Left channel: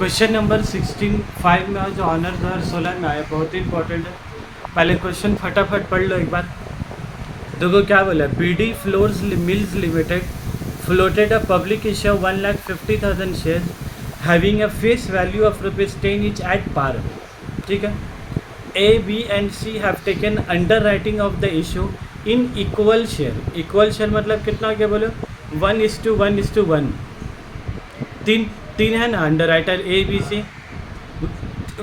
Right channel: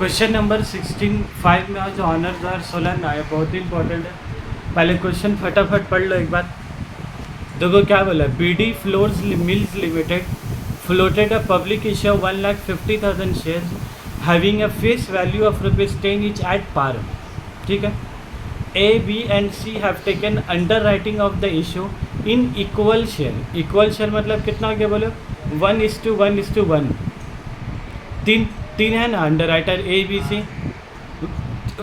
Question number 16 में आज honour 2016 में आया, बहुत ही इंपॉर्टेंट है। पहले क्वेश्चन फटाफट पढ़ लो एक बार। देखो क्या बोला, BD flours mills limited floated a public issue 1,50,000 shares having a face value of ₹10 each at par. ठीक है। A B and C have taken underwriting of the issue in equal share. Equal share मतलब कितना हो गया बोलो, 1:1:1। तीन तीन है ना underwriter A B C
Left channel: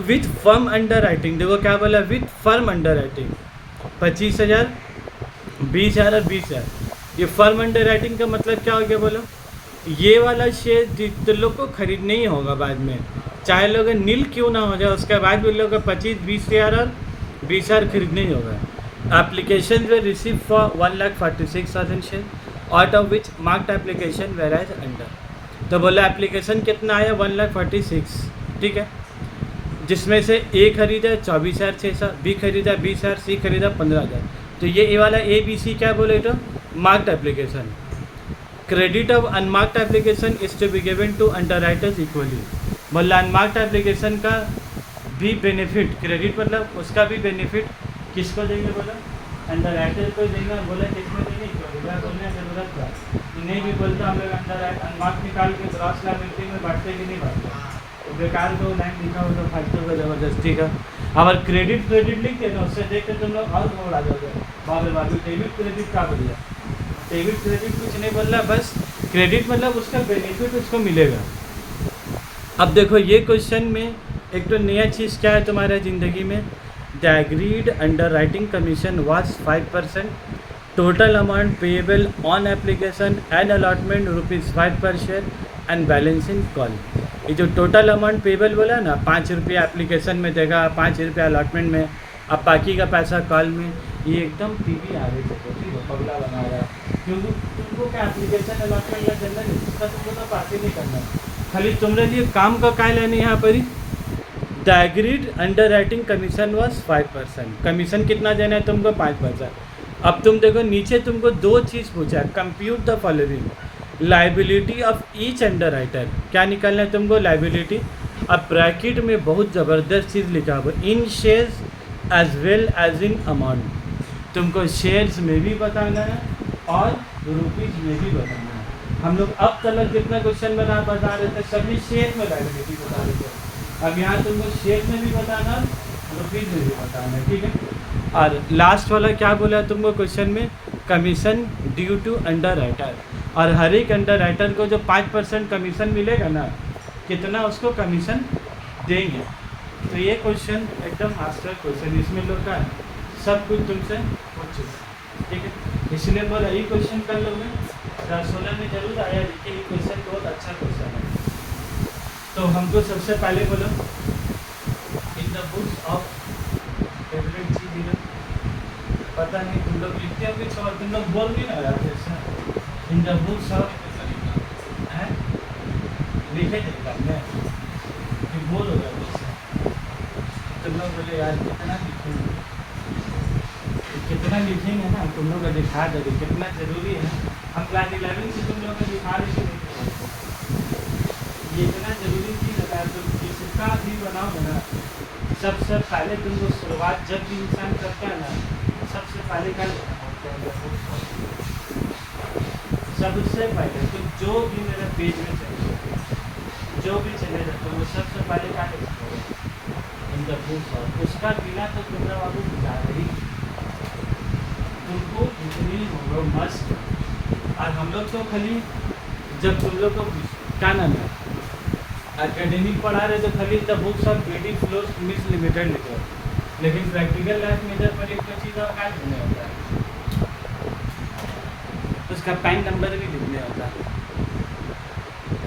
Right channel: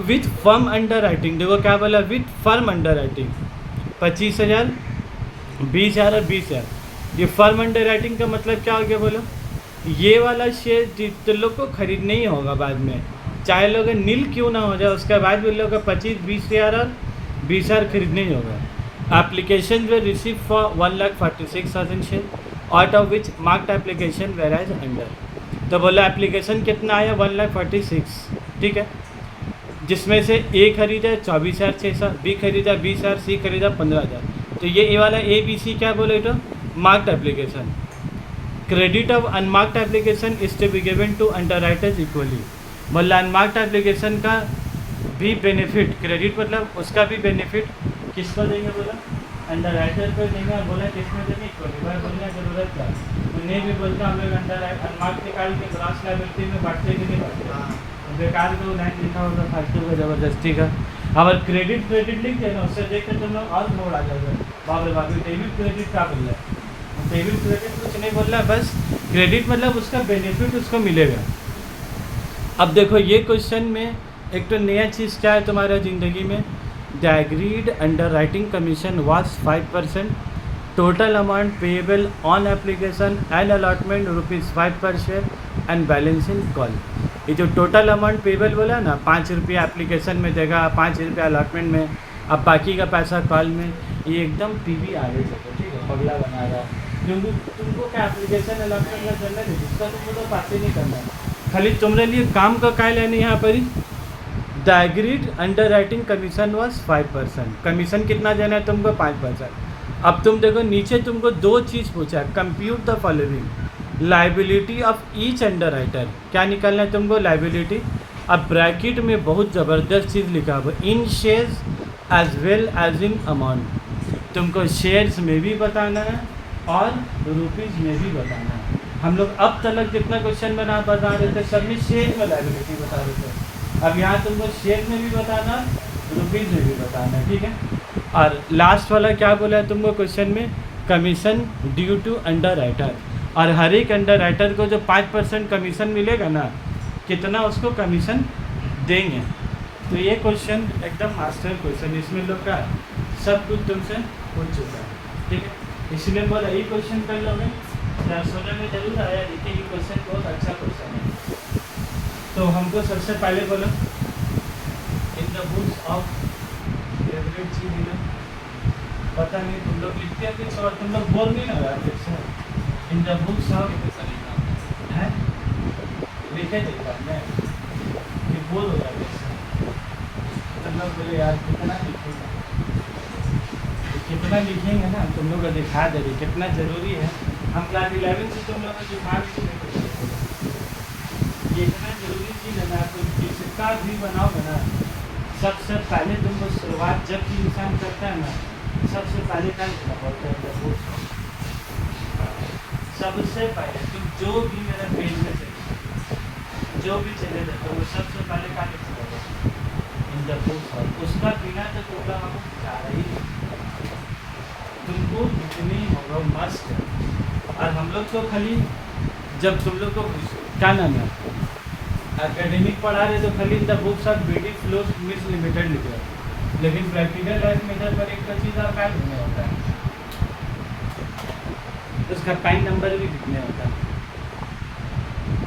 with firm underwriting. देखो क्या बोला, विथ फर्म अंडर राइटिंग 25,000, 20,000 और 20,000। ये फर्म अंडर राइटिंग का मतलब क्या हो गया बोलो, ये वाला शेयर तो लोग को खरीदना ही होगा बाद में, चाहे लोग नील क्यों ना हो जाए, उसके बाद भी लोग 25-20,000 और 20,000 खरीदना ही होगा। Application we receive for 1,46,000 share out of which marked application were as under. तो बोला एप्लीकेशन कितना आया 1,46,000। ठीक है, जिसमें से ए खरीदा 24,600, बी खरीदा 20,000, सी खरीदा 15,000। तो ये वाला ए बी सी क्या बोले तो marked application. Credit of unmarked application is to be given to underwriters राइटर्स इक्वली। बोला अनमार्क्ड एप्लीकेशन का भी बेनिफिट, क्रेडिट मतलब उसका भी बेनिफिट किसको देंगे बोला, अंडर राइटर को देंगे। और बोला किसमें देंगे इक्वली, बोलने की जरूरत क्या है। तो नहीं भी बोलता हम लोग अंडर अनमार्क्ड निकाल के ग्रॉस लायबिलिटी में बांटते कि नहीं बांटते, बेकार को लाइन लिखा हो तो फालतू का ज़बरदस्ती का। अगर क्रेडिट लिख देना उससे देख के तुम लोग और मोड़ आ जाओगे, बाबू डेबिट क्रेडिट क्या बोल रहा है। डेबिट क्रेडिट कुछ नहीं बोल रहा, बस क्रेडिट मतलब उसका बेनिफिट उसको मिलेगा। अब देखो ये क्वेश्चन में एक तो नया चीज़ क्या है तुम्हारा ज़िंदगी में, the agreed underwriting commission was 5%, total amount payable on application and allotment ₹5 पर share and balance in call. ये जो टोटल अमाउंट पेएबल बोला ना, ₹5 एप्लीकेशन में देगा, ₹5 अलॉटमेंट में, अब बाकी का पैसा कॉल में। ये एकदम पीवी आगे चलो, ठीक है, पगला बना रहा है। क्योंकि तुमको क्या एप्लीकेशन अलॉटमेंट या जनरल है, जिसका तुमको तो पास ही नहीं करना, खाली तुम्हारे लिए काम का काय लेने यहाँ पर ही। The agreed underwriting commission was 5%। Commission कितना देना है तुमको, 5%। अब तुम देखो नीचे तुमको दो चीज़ पूछा है, compute the following liability of each under writer. क्या निकालना है तुमको, लाइबिलिटी। अब ब्रैकेट में बहुत ज़बरदस्त चीज़ लिखा हुआ, in shares as well as in amount. तुमको शेयर्स में भी बताना है और रुपीज़ में भी बताना है। हम लोग अब तक जितना क्वेश्चन बता रहे थे सब में शेयर में लाइबिलिटी बता रहे थे, अब यहाँ तुमको शेयर में भी बताना, रुपीज़ में भी बताना है। ठीक है। और लास्ट वाला क्या बोला है तुमको क्वेश्चन में, कमीशन ड्यू टू अंडर राइटर। और हर एक अंडर राइटर को जो 5% कमीशन मिलेगा ना, कितना उसको कमीशन देंगे। तो ये क्वेश्चन एकदम मास्टर क्वेश्चन, इसमें लोग का सब कुछ तुमसे पूछ चुका है। ठीक है, इसलिए बोला ये क्वेश्चन कर लोगे, 16 में जरूर आया, देखिए ये क्वेश्चन बहुत अच्छा क्वेश्चन है। तो हमको सबसे पहले बोलो, in the books of favourite चीज, पता नहीं तुम लोग लिखते हो कि सवाल, तुम लोग बोल नहीं ना रहा। इन द बुक्स ऑफ है लिखे देखता मैं कि बोल हो जाते, तुम लोग बोले यार कितना लिखेंगे, कितना लिखेंगे ना, तुम लोग को दिखा दे कितना ज़रूरी है। हम क्लास 11 से तुम लोग को दिखा देंगे ये इतना ज़रूरी चीज़ है। तुम जिसका भी बनाओगे ना, सबसे पहले तुमको शुरुआत जब भी इंसान करता है ना, सबसे पहले क्या लिखना पड़ता है, सबसे पहले तुम जो भी मेरा पेज में चले, जो भी चले जाते वो सबसे पहले क्या लिखना होगा, इन द बुक्स। और उसका बिना तो तुम्हारा बाबू गुजारा ही, तुमको इतनी मस्त है। और हम लोग तो खाली जब तुम लोग को क्या नाम है एकेडमिक पढ़ा रहे तो खाली the books of BD flours mills limited लिख रहे, लेकिन प्रैक्टिकल लाइफ में जब पर एक तो चीज़ आप क्या लिखने होता है, उसका पैन नंबर भी लिखने होता है।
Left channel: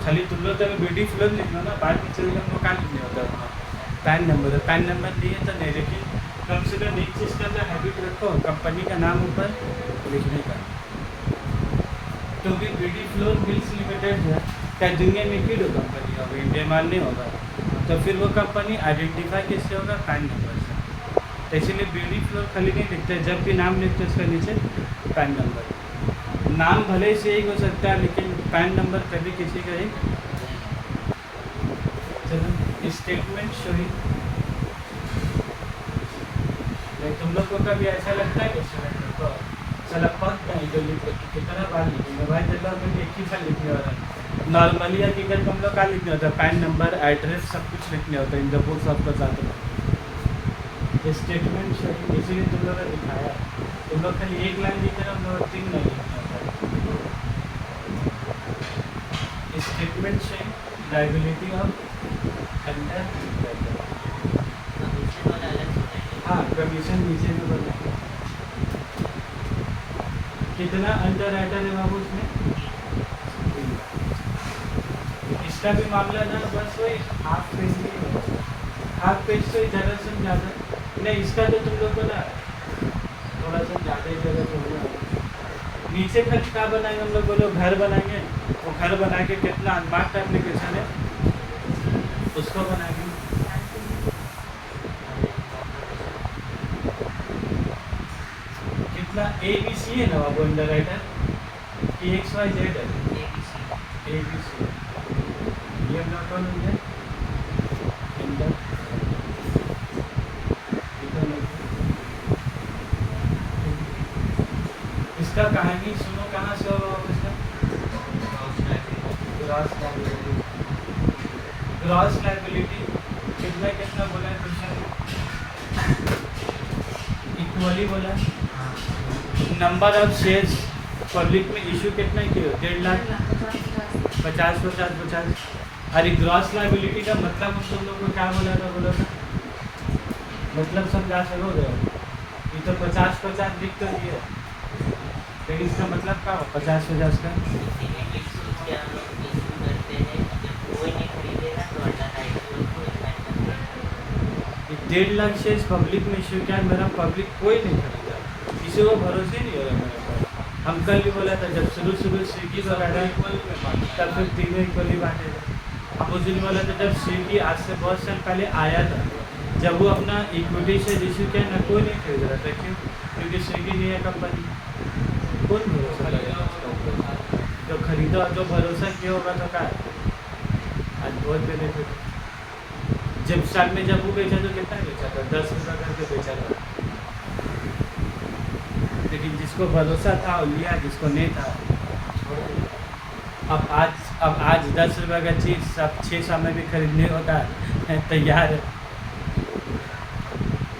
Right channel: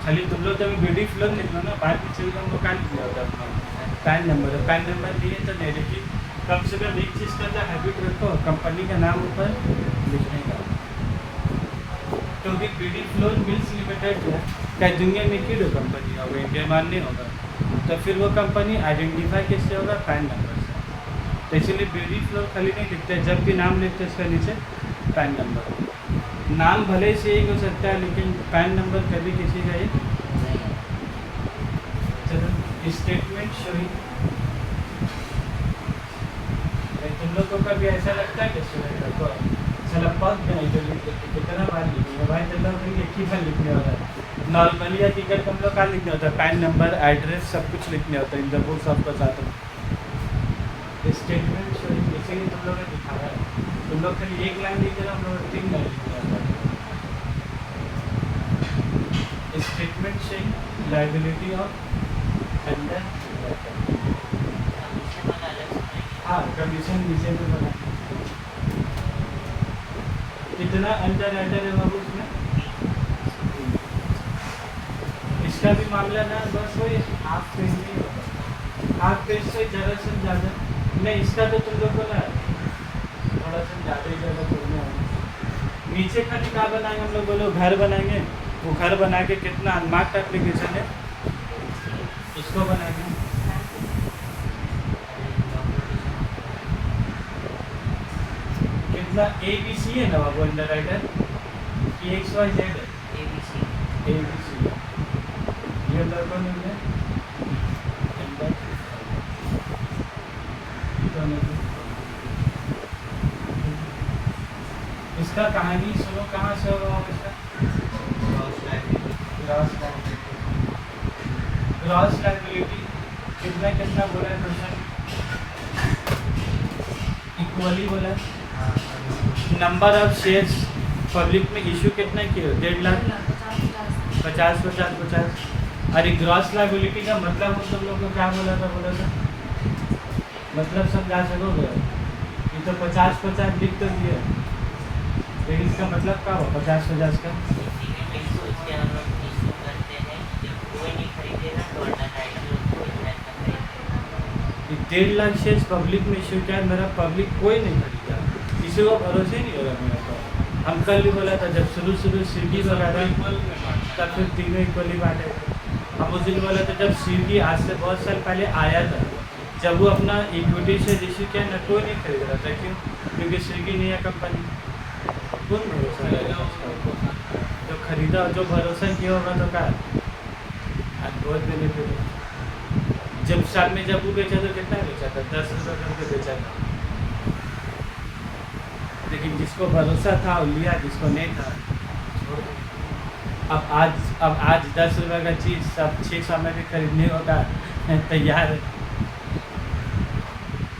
खाली तुम लोग तो बीडी फ्लोर लिख लो ना, बाद में चल हमको क्या लिखने होता है, पैन नंबर। पैन नंबर लिए तो नहीं, लेकिन कम से कम एक चीज़ का हैबिट रखो, कंपनी का नाम ऊपर लिखने का। क्योंकि बीडी फ्लोर मिल्स लिमिटेड जो है क्या दुनिया में की कंपनी होगा, इंडिया माल नहीं होगा, तो फिर वो कंपनी आइडेंटिफाई कैसे होगा, पैन नंबर से। तो इसीलिए बीडी फ्लोर खाली नहीं लिखते, जब भी नाम लिखते उसके नीचे पैन नंबर। नाम भले से एक हो सकता है, लेकिन पैन नंबर कभी किसी का ही चलो स्टेटमेंट शोइंग। तुम लोग को कभी ऐसा लगता है कि स्टूडेंट को चला पक गए जो लिख कितना बार लिखेंगे भाई, चलो तुम एक ही बार लिखने होता है। नॉर्मली या टिकट हम लोग का लिखने होता है, पैन नंबर एड्रेस सब कुछ लिखने होता है इन द बुक्स आपका साथ में। स्टेटमेंट शोइंग इसीलिए तुम लोग ने दिखाया है। तुम लोग खाली एक लाइन लिख रहे हो, हम लोग 3 लाइन लिखने होता है। Statement showing liability of under, हाँ कमीशन नीचे में बना कितना अंडर राइटर है बाबू उसमें। इसका भी मामला ना बस वही हाफ पेज में, हाफ पेज से ज़रा से ज़्यादा नहीं। इसका तो तुम लोग को ना थोड़ा सा ज़्यादा ही जगह छोड़ने वाला। नीचे खाली क्या बनाएंगे हम लोग, बोलो घर बनाएंगे। वो घर बना के कितना अनमार्क्ड एप्लीकेशन है उसको बनाएंगे। कितना ABC है ना बाबू अंडर राइटर कि XYZ है? ABC ये अंदर कौन है अंडर, इसका कहानी सुनो कहाँ से होगा इसका। ग्रॉस लायबिलिटी कितना कितना बोला है क्वेश्चन, इक्वली बोला। नंबर ऑफ शेयर्स पब्लिक में इशू कितना किए, 1.5 लाख, 50। अरे ग्रॉस लायबिलिटी का मतलब हम तुम लोग को क्या बोला था मतलब समझा सकोगे। ये तो 50 लिख कर दिया, लेकिन इसका मतलब क्या हो 50 का। ये 1.5 लाख शेयर्स पब्लिक में इशू क्या है, मेरा पब्लिक कोई नहीं खरीदा, किसी को भरोसे ही नहीं हो रहा मेरे पास। हम कल भी बोला था जब शुरू स्विगी वगैरह तब फिर तीनों इक्वली बांटे थे। हम उस दिन बोला था जब स्विगी आज से बहुत साल पहले आया था, जब वो अपना इक्विटी शेयर इशू किया ना, कोई नहीं खरीद रहा था। क्यों? क्योंकि स्विगी नहीं है कंपनी, कौन भरोसा करेगा उसका ऊपर। जो खरीदा जो भरोसा किया होगा तो क्या आज बहुत बेनिफिट है। जब स्टार्ट में जब वो बेचा तो कितना बेचा था, 10 रुपये करके बेचा था। लेकिन जिसको भरोसा था वो लिया, जिसको नहीं था छोड़ दिया। अब आज 10 रुपये का चीज़ अब 600 में भी खरीदने होता है तैयार।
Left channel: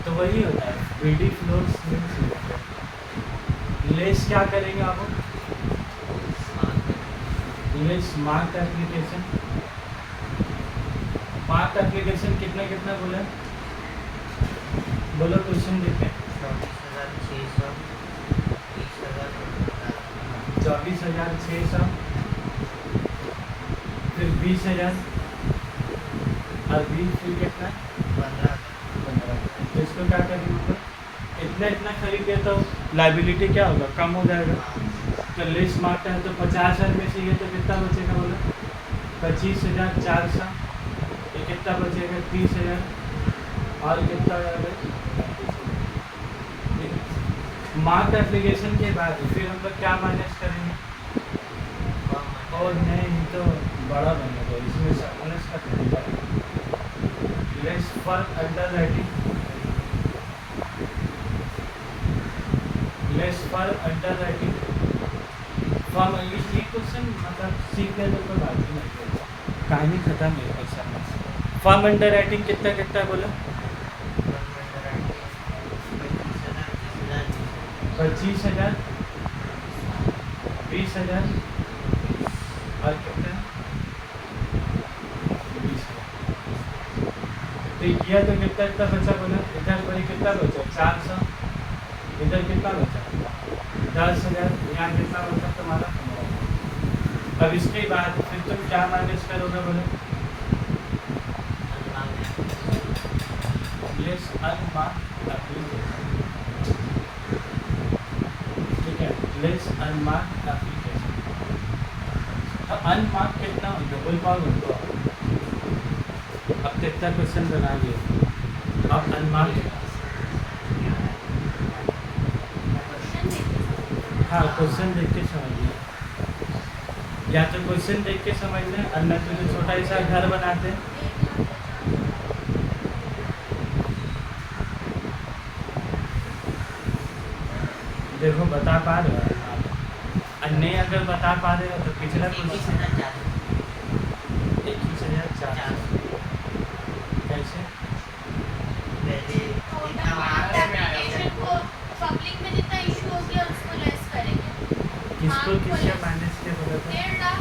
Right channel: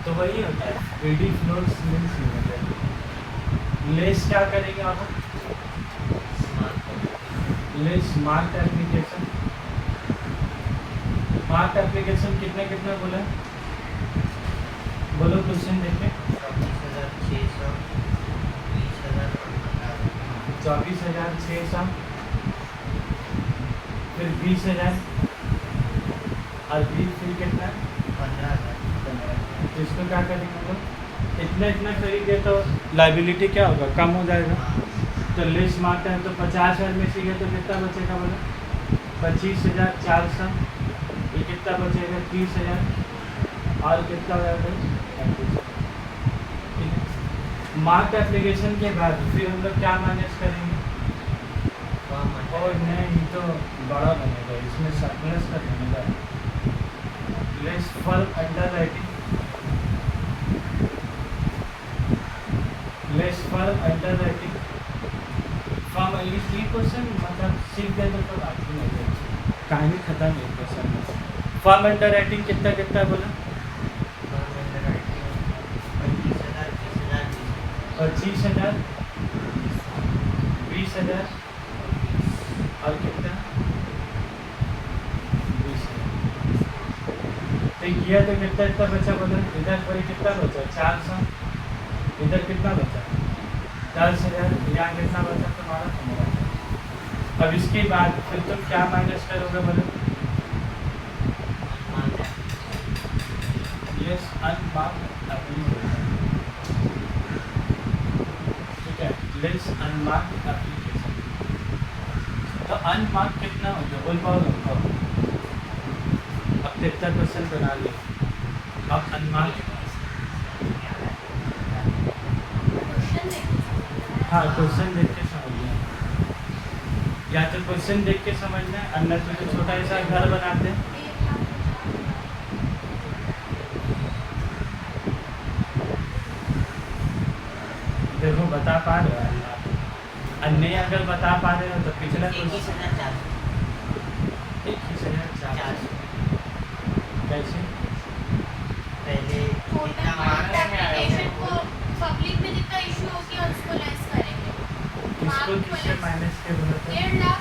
तो वही होता है बीडी फ्लोर्स लेस क्या करेंगे आप, less mark application. Mark application कितना कितना बोला, बोलो क्वेश्चन देखें। 24,600 फिर 20,000 और 20 फिर कितना 15,000। तो इसको क्या करेंगे, इतना खरीदे तो लाइबिलिटी क्या होगा, कम हो जाएगा। तो लेस मार्क है तो 50,000 में से तो कितना बचेगा बोला 25,400। ये कितना बचेगा 30,000 और कितना हो जाएगा। मार्क एप्लीकेशन के बाद फिर हम लोग क्या मैनेज करेंगे, और नहीं तो बड़ा बनेगा इसमें सरप्लस का तरीका है। Less for under writing, less for under writing form English three question मतलब सीख गए तो बाकी नहीं गए, कहानी खत्म है क्वेश्चन में। फॉर्म अंडर राइटिंग कितना कितना बोला 25,000 20,000 और कितना 20,000। तो किया तो कितना कितना बचा बोला, इधर पर कितना बचा 400, इधर कितना बचा 10,000, यहाँ कितना बचा तुम्हारा। अब इसके बाद फिर तुम क्या माइनस करोगे बोले, यस अनमार्क्ड एप्लीकेशन, ठीक है लेस अनमार्क्ड एप्लीकेशन। तो अनमार्क्ड कितना हो गया बोल पाओगे, अब कितना क्वेश्चन बना लिए। अब अनमार्क्ड, हाँ क्वेश्चन देख के समझना, या तो क्वेश्चन देख के समझना, अन्य तो छोटा सा घर बनाते हैं बता पा रहे हो आप? और नहीं अगर बता पा रहे हो तो पिछला क्वेश्चन 21,400 कैसे? पहले जितना मार्क्स एप्लीकेशन को पब्लिक में जितना इशू होगी उसको लेस करेंगे। किसको किससे माइनस के बोले थे? 1.5 लाख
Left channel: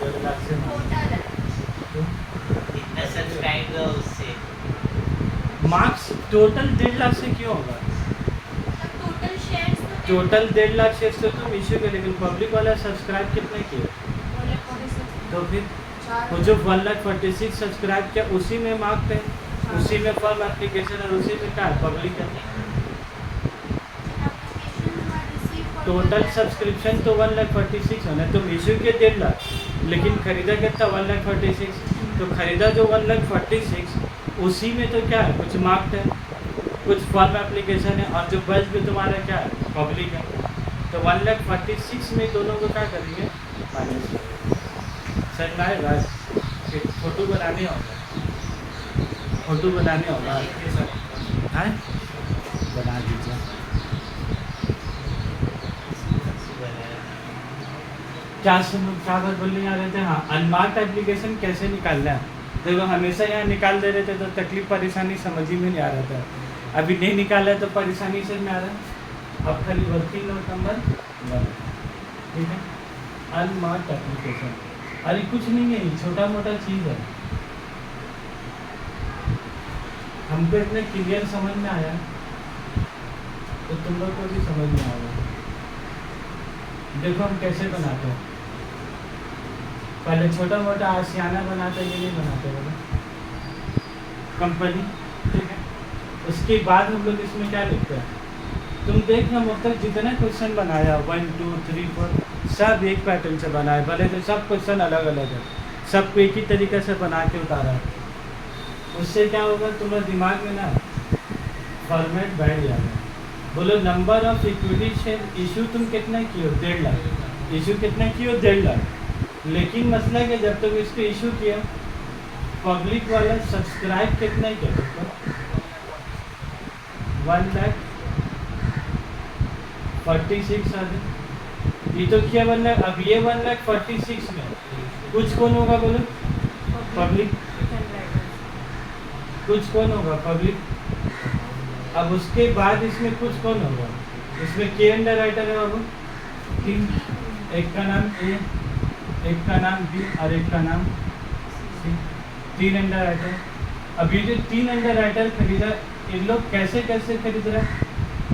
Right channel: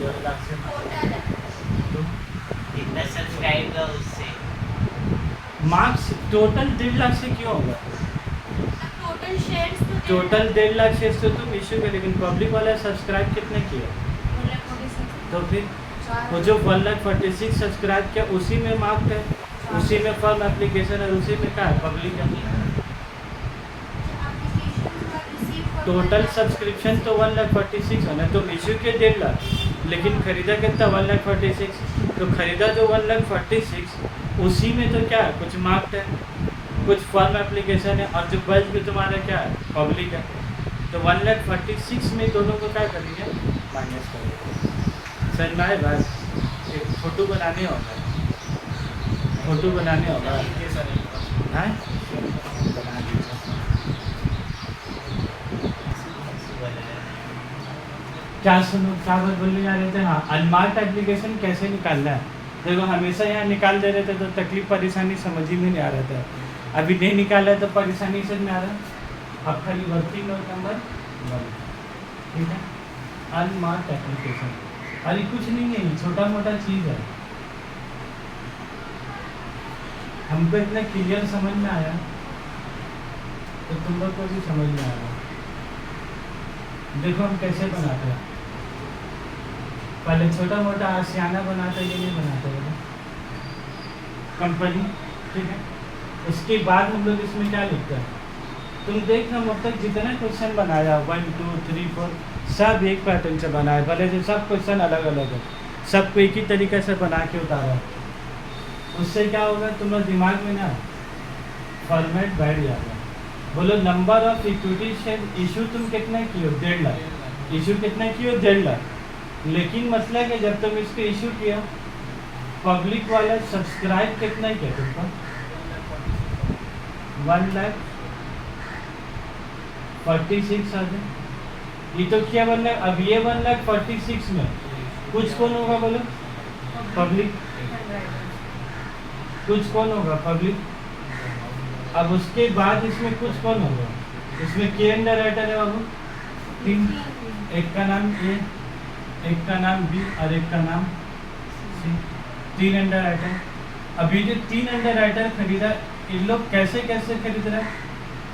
2 लाख से टोटल है। तो जितना सब्सक्राइब हुआ उससे मार्क्स टोटल 1.5 लाख से क्यों होगा? और टोटल शेयर्स तो टोटल 1.5 लाख शेयर्स तो तुम इशू के, लेकिन पब्लिक वाला सब्सक्राइब कितने किए? तो फिर वो जो 1,46,000 सब्सक्राइब किया उसी में मार्क्ड है, उसी में फॉर्म एप्लीकेशन है, उसी में क्या है पब्लिक है। टोटल सब्सक्रिप्शन तो 1,46,000 होना, तुम इशू के 1.5 लाख लेकिन खरीदा कितना 1,46,000, तो खरीदा जो 1,46,000 उसी में तो क्या है कुछ मार्क्ड है, कुछ फॉर्म एप्लीकेशन है, और जो बल्ब भी तुम्हारा क्या है पब्लिक है। तो 1,46,000 में दोनों को क्या करेंगे माइनस करेंगे। सर ना बस एक फोटो बनाने होगा, फोटो बनाने होगा हैं? बना दीजिए। क्या सुनो क्या बात बोलने जा रहे थे? हाँ, अनमार्क्ड एप्लीकेशन कैसे निकालना है? देखो हमेशा यहाँ निकाल दे रहे थे तो तकलीफ परेशानी समझ ही में नहीं आ रहा था, अभी नहीं निकाला तो परेशानी से में आ रहा। अब खाली वर्किंग नोट नंबर 1, ठीक है। अनमार्क्ड एप्लीकेशन, अरे कुछ नहीं है, छोटा मोटा चीज़ है, हमको इतना क्लियर समझ में आया तो तुम लोग को भी समझ में आएगा। देखो हम कैसे बनाते हैं, पहले छोटा मोटा आशियाना बनाते, ये नहीं बनाते बोलो कंपनी, ठीक है। उसके बाद हम लोग इसमें क्या लिखते हैं, तुम देखना अब तक जितने क्वेश्चन बनाया 1 2 3 4 सब एक पैटर्न से बनाए, भले से सब क्वेश्चन अलग अलग है, सबको एक ही तरीके से बना के उतारा है। उससे क्या होगा तुम्हारे दिमाग में ना फॉर्मेट बैठ जाएगा। बोलो number of equity share issue तुम कितना किए हो? 1.5 लाख। इशू कितना किए हो? 1.5 लाख। लेकिन मसला है कि जब तुम इसको इशू किया पब्लिक वाला सब्सक्राइब कितना किया तुमको? 1,46,000। ये तो किया 1 लाख। अब ये 1,46,000 में कुछ कौन होगा बोलो? पब्लिक। कुछ कौन होगा? पब्लिक। अब उसके बाद इसमें कुछ कौन होगा? इसमें के अंडर राइटर है बाबू 3, एक का नाम ए, एक का नाम बी और एक का नाम सी, 3 अंडर राइटर। अभी जो 3 अंडर राइटर खरीदा इन लोग कैसे कैसे खरीद रहे हैं?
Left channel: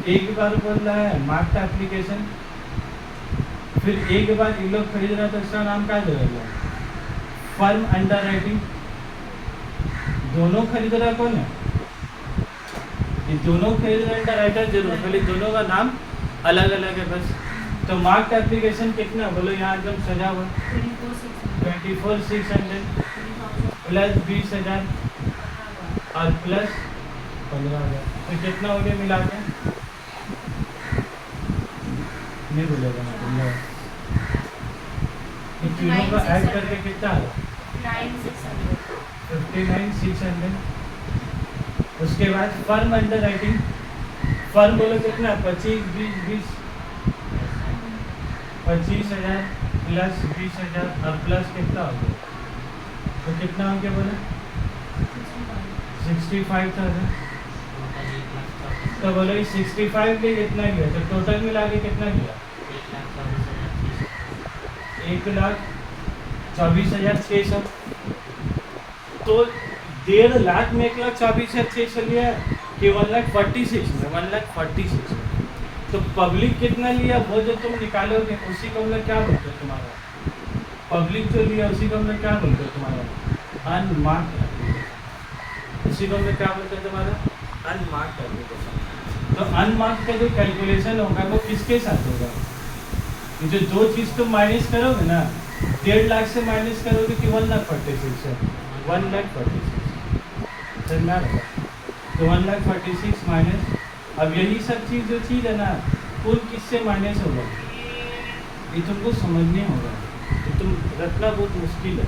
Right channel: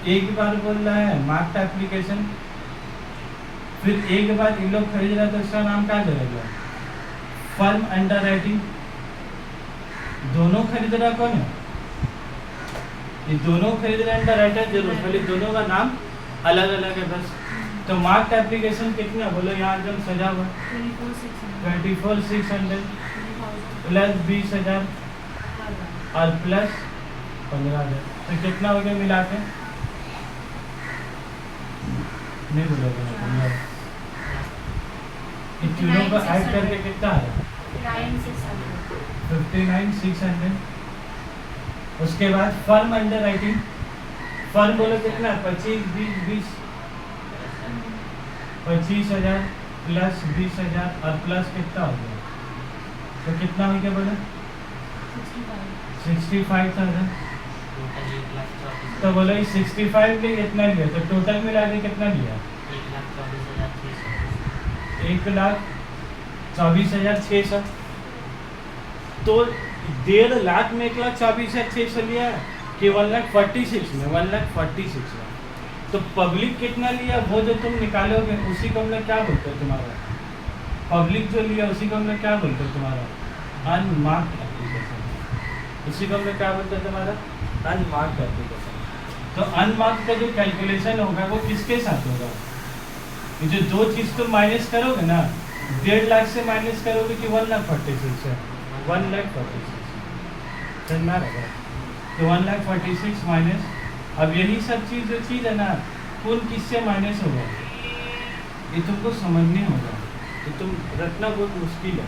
एक बार बोल रहा है मार्क्ड एप्लीकेशन, फिर एक बार इन लोग खरीद रहा है तो इसका नाम क्या जगह? Firm under writing. दोनों खरीद रहा कौन है? ये दोनों खरीद रहे अंडर राइटर जरूर, बोले दोनों का नाम अलग अलग है बस। तो मार्क्ड एप्लीकेशन कितना बोलो? यहाँ एकदम सजा हुआ 24,600 प्लस 20,000 और प्लस 15,000, तो कितना हो गया मिला के? नहीं बोलेगा ना तुम लोग? इन तीनों को ऐड करके कितना है? 59,600। उसके बाद फर्म अंडर राइटिंग, फर्म बोलो कितना? 25,000 प्लस 20,000 और प्लस कितना हो गया? तो कितना हो गया बोलो? 65,000। तो बोलो 65 के कितना लिया? तो टोटल मिला के कितना लिया? 1,24,600। तो 1.5 लाख में 1,24,600 लिया कि 1,46,000 में? 1,46,000 में। तो पब्लिक कितना लिया वो जो तुम निकालोगे उसी को हम लोग क्या बोलते हो तुम्हारा? पब्लिक जो लिया उसी को हम लोग क्या बोलते हो तुम्हारा? Unmarked application. उसी को हम लोग क्या बोलते हैं तुम्हारा? Unmarked application. तो अनमार्क्ड का जो कैलकुलेशन होगा वो किसके साथ होगा? जो दो चीज़ तुम माइनस करोगे ना, 1.5 लाख से माइनस करोगे कि 1,46,000 से? 1,46,000 समझ रहेगा। तो 1,46,000 माइनस, अब यही सब चीज़ जो चीज़ है ना कौन किससे माइनस होगा ये तुमको समझने होगा। तो तुम रखना बहुत मुश्किल है,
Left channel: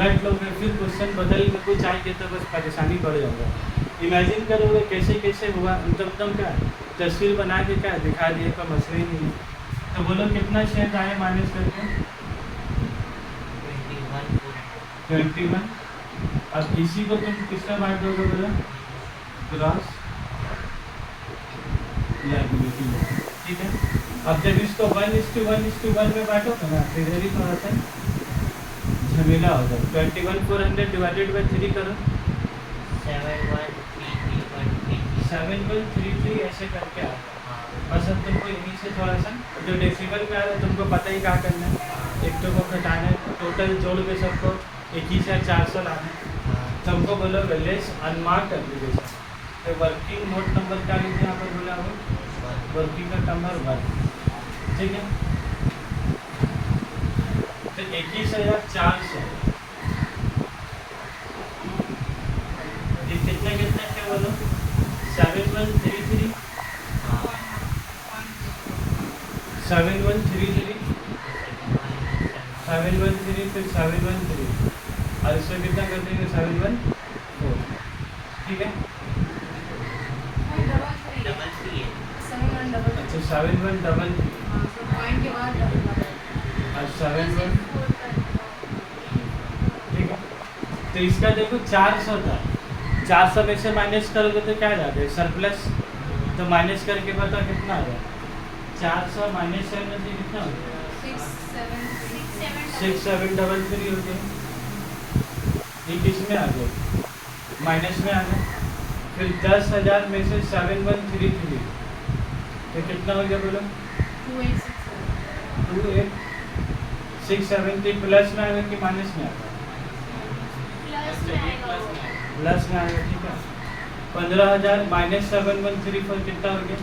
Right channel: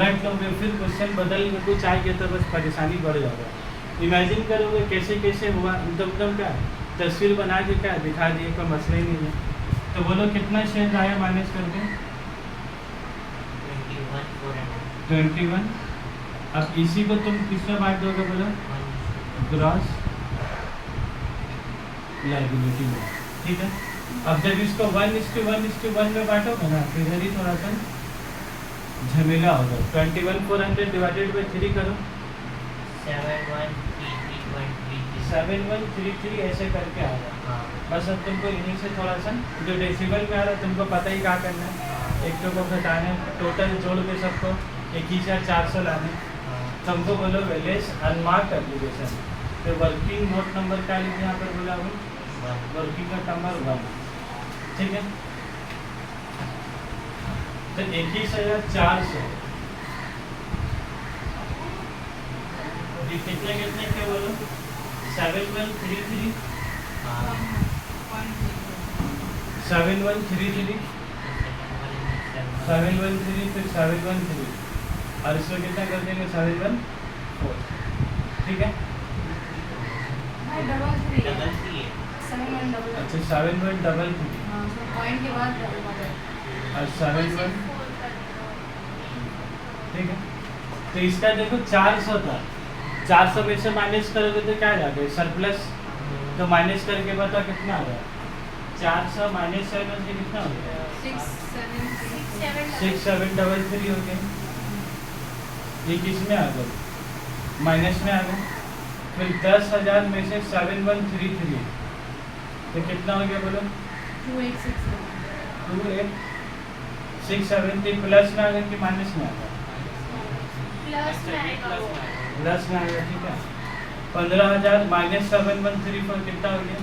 रट लोगे फिर क्वेश्चन बदल में कुछ आएंगे तो बस परेशानी बढ़ जाएगा। इमेजिन करोगे कैसे कैसे हुआ, मतलब क्या है तस्वीर बना के क्या दिखा दिए, का मसला ही नहीं है। तो बोलो कितना शेयर आया माइनस करके? 21। अब इसी को तुम किसमें बांट दोगे बोलो? ग्रॉस लायबिलिटी में, ठीक है। अब जब इसको 1:1:1 में बांटोगे ना, तो इधर ही थोड़ा सा झमेला होगा। 21,400 डिवाइडेड बाई 3 करो। 7133 ऐसे करके आ रहा है। बस अब तुमको इन्हीं से थोड़ा सा जो डेसिबल में आ रहा है तुमको पता ही क्या करना है। एक तो को घटाना है, टोटल जोड़ के सबको 21,400 लाना है। तुमको बोलो वैल्यूज अनमार्क एप्लीकेशन, तो वर्किंग नोट नंबर क्या लिखे यहाँ पर बोला हो? वर्किंग का नंबर 1, ठीक है। तो 21,400 ये कितने कितने के बोलो? 7133 7133 713 फिर 713 और इसमें कितना कर देंगे? 714, ठीक है। अच्छा 7133 और 71, ठीक है। तो इसका देखो 400 था, 400 में से माइनस करोगे तो क्या जाएगा? सरप्लस। तो माइनस करके पता कितना आ गया? 400 माइनस 7 से कितना हो गया? 6733 हो गया। ये किस में आ गया? माइनस में आ गया। फिर 10,000 में से 7133 तो कितना हो गया बोलो? 28,670 प्लस में आ गया कि माइनस में आ गया? प्लस में आ गया, ठीक है। 15,000 माइनस 7134 कितना हो गया?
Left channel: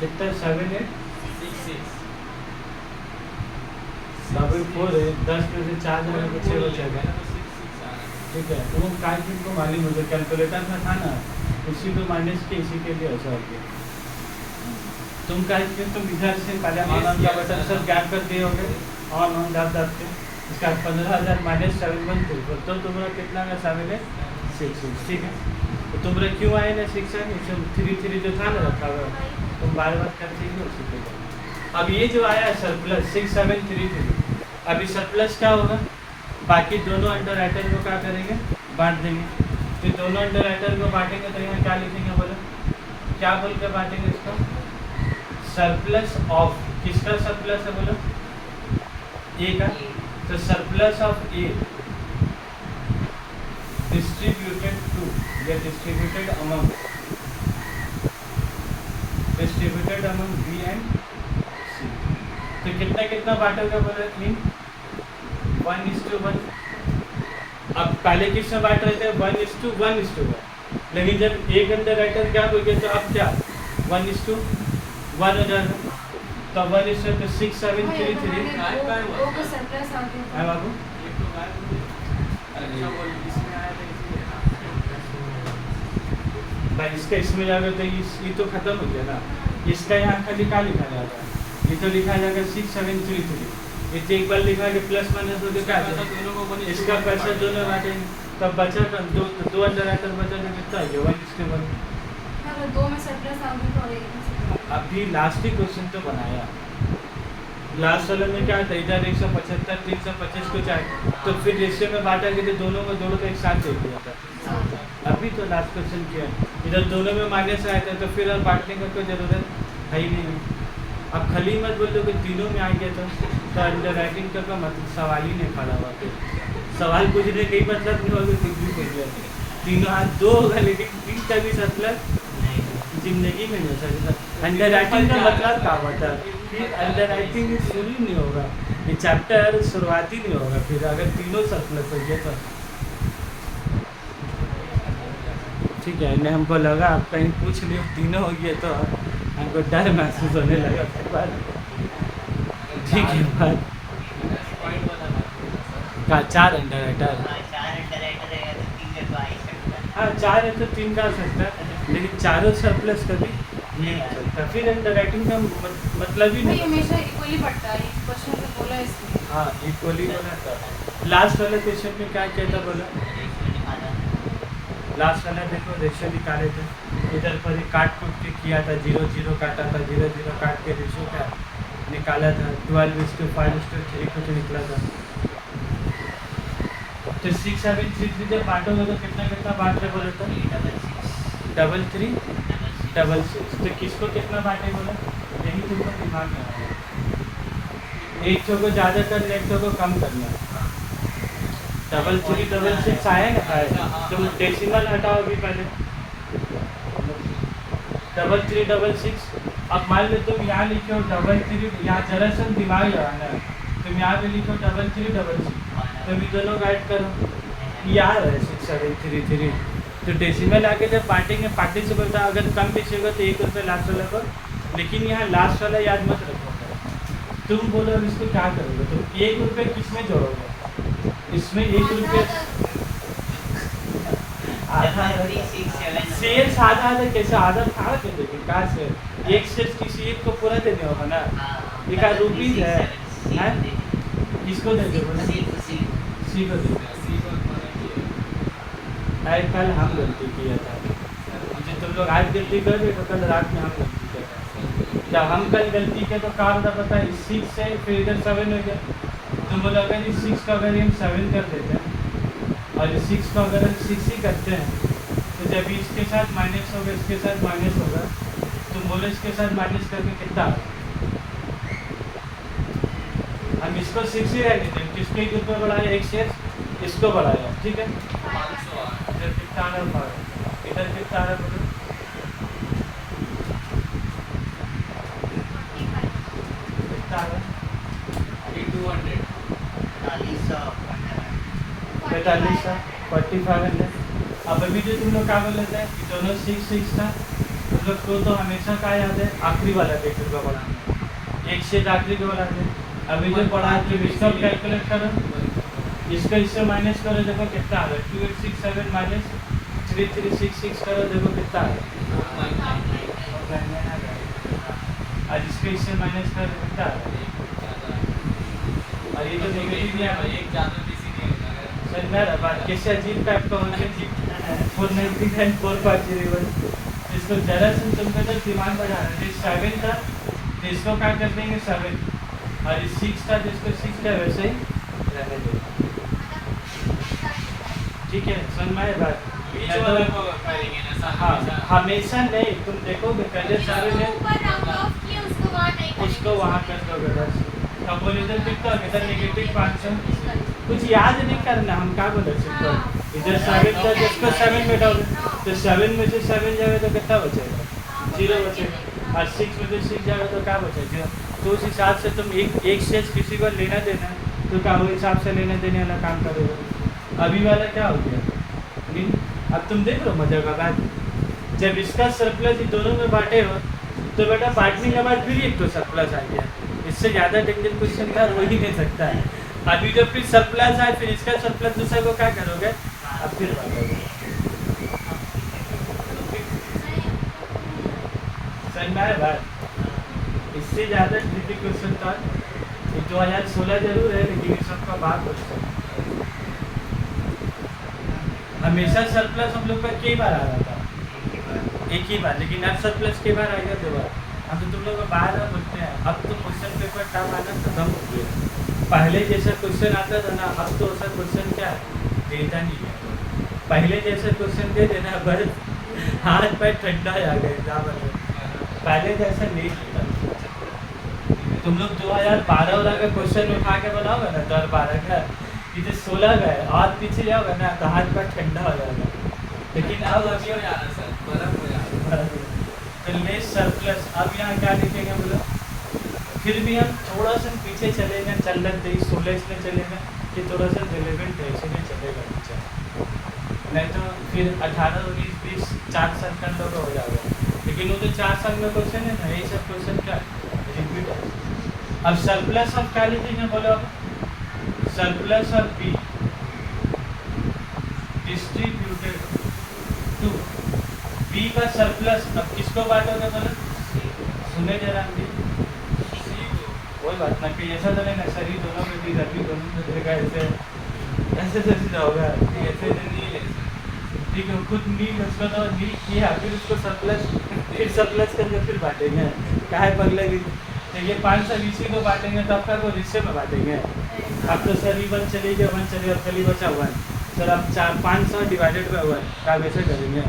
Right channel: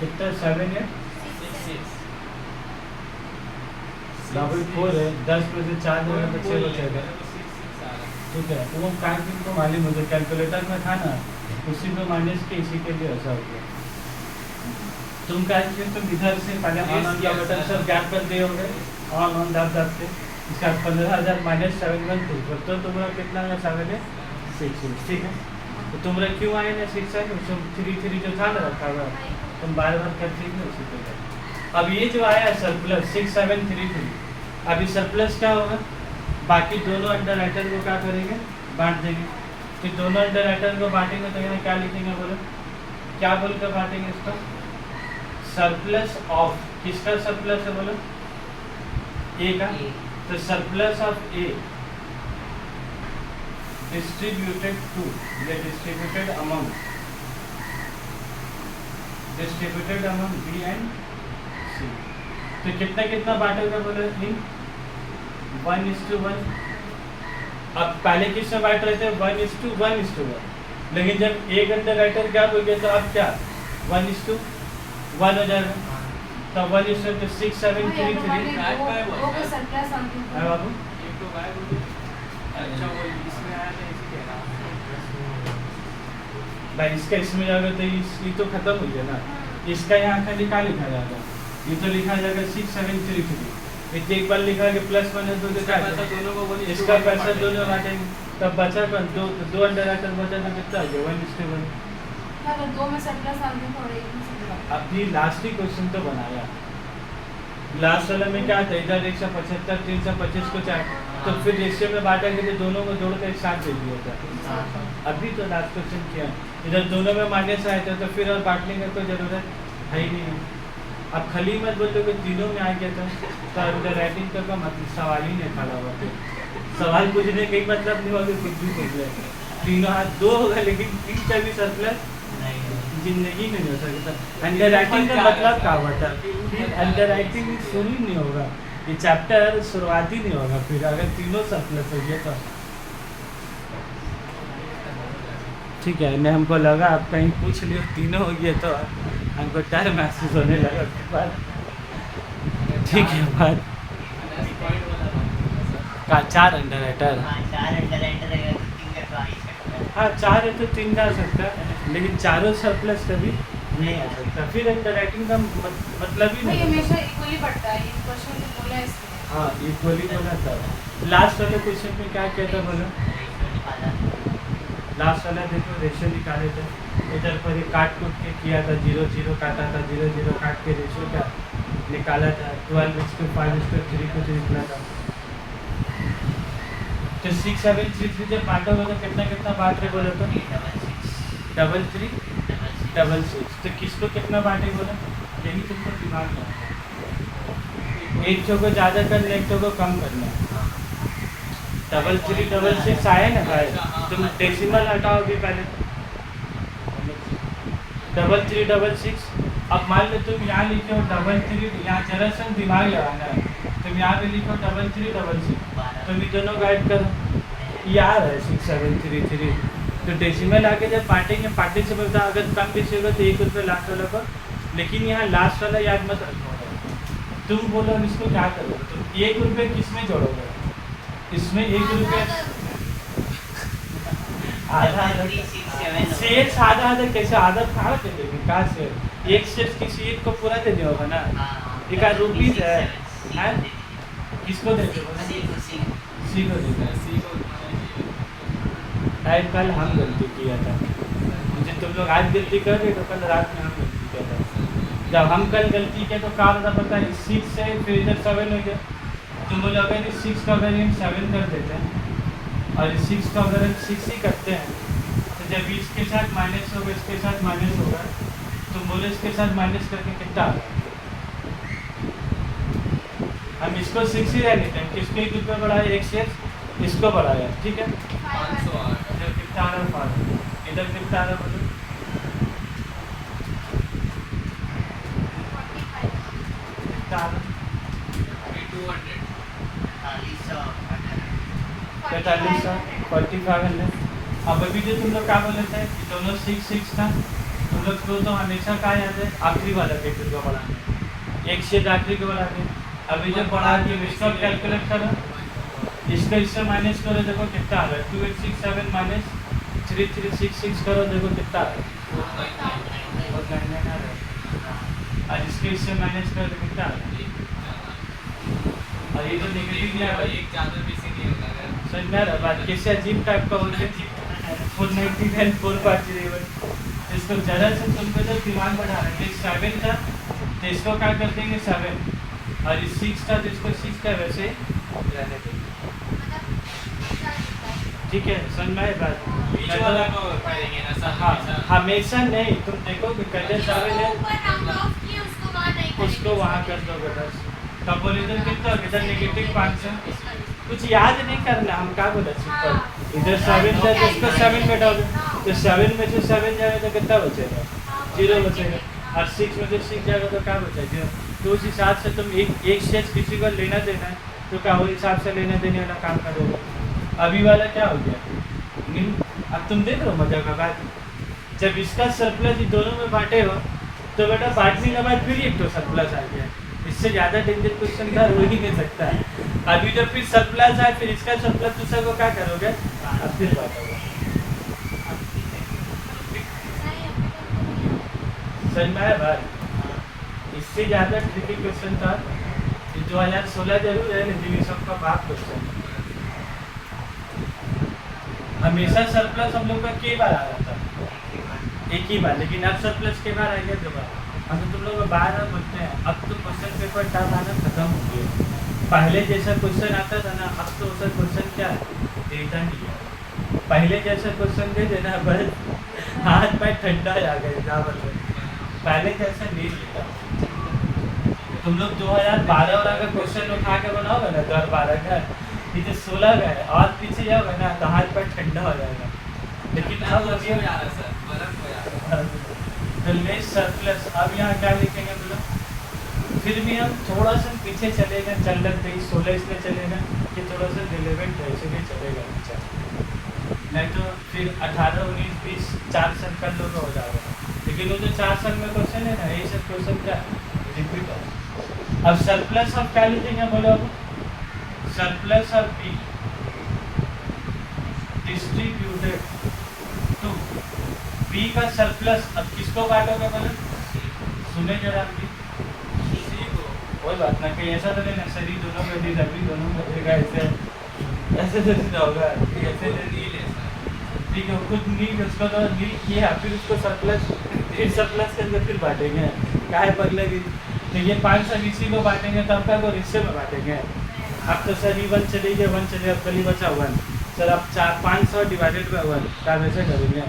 कितना? 78,4 है। 10 में से 4 जो है तो 6 बचेगा, ठीक है। तो वो काय को मालूम मुझे कैलकुलेटर में था ना, उसी को माइनस के इसी के लिए ऐसा हो गया। तुम क्या तुम इधर से पहले ऑन का बटन सब गैप कर दिए होंगे, ऑन दब के इसका 15,000 माइनस 713 तो तुम्हारा कितना है? 766, ठीक है। तो तुम्हारा क्यों आए ना 6 है? 33 जो था ना रखा हुआ, तुम बार बार करते ही उसी पे गए। अब ये जो आया सरप्लस 6733, अभी सरप्लस क्या होगा? बाकी दोनों अंडर राइटर को क्या करेंगे? बांट देंगे। फिर दोनों अंडर राइटर को बांटेंगे तो यहाँ क्या लिखेंगे बोलो? क्या बोल कर बांटेंगे इसको? सरप्लस ऑफ, किसका सरप्लस है बोलो? ए का। तो surplus of A distributed to या distributed among B and C. तो कितना कितना बांटोगे बोले? इन 1:1। अब पहले किसमें बांट रहे थे? 1:1:1। लेकिन जब एक अंडर राइटर क्या बोल गया तो अब क्या 1:1 हो जाएगा। तो 1:6733 बाबू भाई इसका इसमें जाएगा तो ये तो खत्म हो गया ना। इसका यहाँ खाली क्या लिखा जाएगा? ये तो लिखा जाएगा 6733। इसे एक बार लिखा कि प्लस माइनस दो क्या इसका पैसा दोनों बांटेंगे, तब बचा कर दो अंडर राइटर बचा कितना हो गया? 1:1। अभी लास्ट ही क्वेश्चन तो बनाया। लास्ट वाले में क्या था? इधर 175 325 को चाहे तो फिर रेशियो में बांटेंगे तो दोनों को जोड़कर एक साथ जोड़ दिया था। अभी तो लास्ट क्वेश्चन किया, इधर दोनों में माइनस आया था तो फिर और बांटने का कोई जरूरत है ही नहीं। अब खाली मत बोलो कि तीनों में आ गया तो अंडर राइटिंग का मतलब सवाल ही नहीं खड़ा हुआ। सवाल पूछने का मतलब नहीं होगा, कुछ भी पूछ लिया। तीनों हाथ दो होगा लेकिन तीन का भी सरप्लस जिंदगी में नहीं हो सकता। अंडर राइटिंग का मतलब क्या होता है? फिर अंडर राइटिंग शुरू ही नहीं होगा, ये चैप्टर शुरुआत ही नहीं होगा फिर अगर तीनों सरप्लस हो गया तो। ठीक है, इन्हें हमको लगा आप कहीं पूछ लियो तीनों हो गए तो हमको डर महसूस होने लगा। ठीक है बात का 4 अंडर राइटर। हाँ 4 है तो 3 जा सकता है, लेकिन चारों सरप्लस कभी नहीं आ सकता। फिर अंडर राइटिंग का मतलब ही नहीं हमेशा इक्वली बढ़ता है। क्वेश्चन में बोला इसलिए। हाँ इक्वली बोला था। लास्ट वाले क्वेश्चन में क्या कहता बोला? लास्ट वाला देखो रेशियो निकाले थे, इधर पर ही काट कूट के किया था, 0 0 काटा था, 0 0 काट के रेशियो का निकाला था, 12:5:3 कुछ निकला था। तो 6 7 3 3 जब बांटोगे तो कितना कितना बांट रहे बोले तो 3 3 6 6। तो किसको कितना बांटे बोला, यही तुमको दिमाग में आया। एक चो को ज़्यादा करना, एक चो को कम करना। 3 3 6 आया ना भाई, तुम डेसिमल हटाओ भी पहले। 3 3 6। अब मान लो तुम यहाँ लिखे हो 3 यहाँ जरा सा दिमाग लगाना है, तुम यहाँ पे लिखो 3 3 6, तो भी दोनों गाइड करो यार है 6 7 3 3। तो डेसिमल आके जब बांटेंगे पार्टिसिपल था, अगर कम पीछे हो तो 1 रुपये लास्ट वाला पर, लेकिन यहाँ लास्ट वाला याद मत रखोगे। तुम बोलो अब इसको क्या करोगे, तुम 1 रुपये किस में जोड़ोगे, इसमें 1 रुपये आधा शेयर आधा आधा कैसे, आधा कहाँ के देंगे, कहाँ से एक शेयर किसी एक को पूरा देने होगा ना, एक रुपीज है किसको देंगे बोला, सी को देंगे। अरे कल हम गलती किया था, मुझे तुम लोग आज गलती कर रहे तो कल रात में हम गलती किया था। जब हम कल गलती किया तो कहा था पता है 6 से फिर इधर 7 हो गया। तुम बोलो अगर इस 6 का अगर हम 7 कर देते हैं और इस 6 का अगर हम 6 ही करते हैं, तो जब इसके साथ माइनस होगा इसके साथ माइनस होगा, तुम बोलो इसके साथ माइनस करके कितना आ रहा, हम इसको 6 ही रहने दें, किसको 1 रुपये बढ़ाया, एक शेयर इसको बढ़ाया, ठीक है। इधर कितना आ रहा है, इधर कितना आ रहा बोलो, कितना आ रहा, 4500 4500। अब अभी जो तुम लोग क्या बोल रहे थे कि दोनों 6 6 था, तुम लोग को तो हमेशा क्या याद है, आखिरी वाला 1 रुपये बढ़ाना, एक शेयर आखिरी को बढ़ाते हैं। अभी जो बढ़ा तुम इसका कैलकुलेट करो, इसका इससे माइनस करो, देखो कितना आ रहा है, 2867 माइनस 3366 करो, देखो कितना आ रहा है, और इसके इससे माइनस करो तो कितना आ रहा है, और ये जो नेगेटिव में समझ में आ रहा बात, कैसे अजीब टाइप का हो गया 499 450, जिसको जरा से तुमको तो दिमाग बढ़ा रहा है। 7 था तो इसको क्या कर देंगे 7, और इस 6 था जिसको 6 था वैसे ही रहने देंगे, ठीक है। समझ में आए बात, हाँ हमेशा नहीं, तुम देखोगे पहले 7 है उसको वहाँ कर दोगे बस। तब बोले इधर कितना हो गया, इधर नेगेटिव 500, कुछ याद नहीं करना, हम क्या बोले सिंपल, इधर 7 था जिसको 7 बैठाओगे तो 7 में से 7 जाएगा तो कितना बचेगा, 0 बचेगा, और 6 में से 6 जाएगा तो क्या बचेगा। तो उस हिसाब से तुम एक शेयर किसी को लेना देना है तो क्या वो हिसाब से लेना देने वाला काम करोगे। अभी वाला क्या हो गया, अब तुम देख लो मजा का बात, जब इसका सरप्लस दोनों में बांटे हो तो बेटा बांटने के बाद फिर एक तो सरप्लस आ गया, इससे ज़्यादा डेंजर क्वेश्चन का हो ही नहीं सकता है। अभी जब फिर सरप्लस आए फिर इसका सरप्लस दूसरा को क्या करोगे, अब फिर बांटोगे। समझ में आया बात, इससे ज़्यादा ट्रिकी क्वेश्चन था 2016 जरूर है, लेकिन ये सबका बाप क्वेश्चन है। हमेशा सरप्लस हम लोग का कई बार आ रहा था, एक ही बार, लेकिन अब सरप्लस कई बार आ गया 2 बार। हम तो तुम लोग बार बार पूछते हैं, अब तो क्वेश्चन पेपर टर्म आना खत्म हो गया, पहले जैसा क्वेश्चन आता था ना, अब तो सब क्वेश्चन क्या देता नहीं है। पहले जैसा क्वेश्चन दे देना बस हाथ पैर ठंडा आ गया, पहले जैसा नहीं देता। तुम लोग 2012 वाला का क्वेश्चन उठा के बनाओगे ना, 2012 का इधर 16 का है और पीछे जाओगे ना तो हाथ पैर ठंडा हो जाएगा। लेकिन अब लेस सरप्लस, अब यहाँ क्या लिखेंगे बोलो, फिर भी हम थोड़ा सा पीछे चलेंगे, चल लग गई 16 इसमें चलेगा कि थोड़ा सा रिलेवेंट है, इसलिए चलेगा पीछे, नहीं तो फिर 18 19 20 4 साल कर लो हो जाएगा। लेकिन वो जो 4 साल में क्वेश्चन है ना, यही सब क्वेश्चन क्या रिपीट है। अब सरप्लस ऑफ क्या लिखेंगे बोलो, अब surplus of B distributed to B का सरप्लस, अब किसको बांटोगे बोलो, सुने जरा भी, कोई बात ना, कहीं ऐसा तो नहीं ना सर दोनों में दी, अभी दोनों में देगा, ऐसे ऐसे होगा, ऐसे नहीं ले ठीक है, खुद नील उसको तो नील किया, फिर उसको सरप्लस, फिर सरप्लस करके फिर बांटेंगे, काहे पगले की। तो ये 500 इसी को बांटेंगे तो आपका को रिश्ते में बांटेंगे। अब तो सर ई 1 चली गया, 1 चलेगा, कल ही बचा 1 सर, अब 500 डिवाइडेड बाई 1 क्या वैसे करेंगे।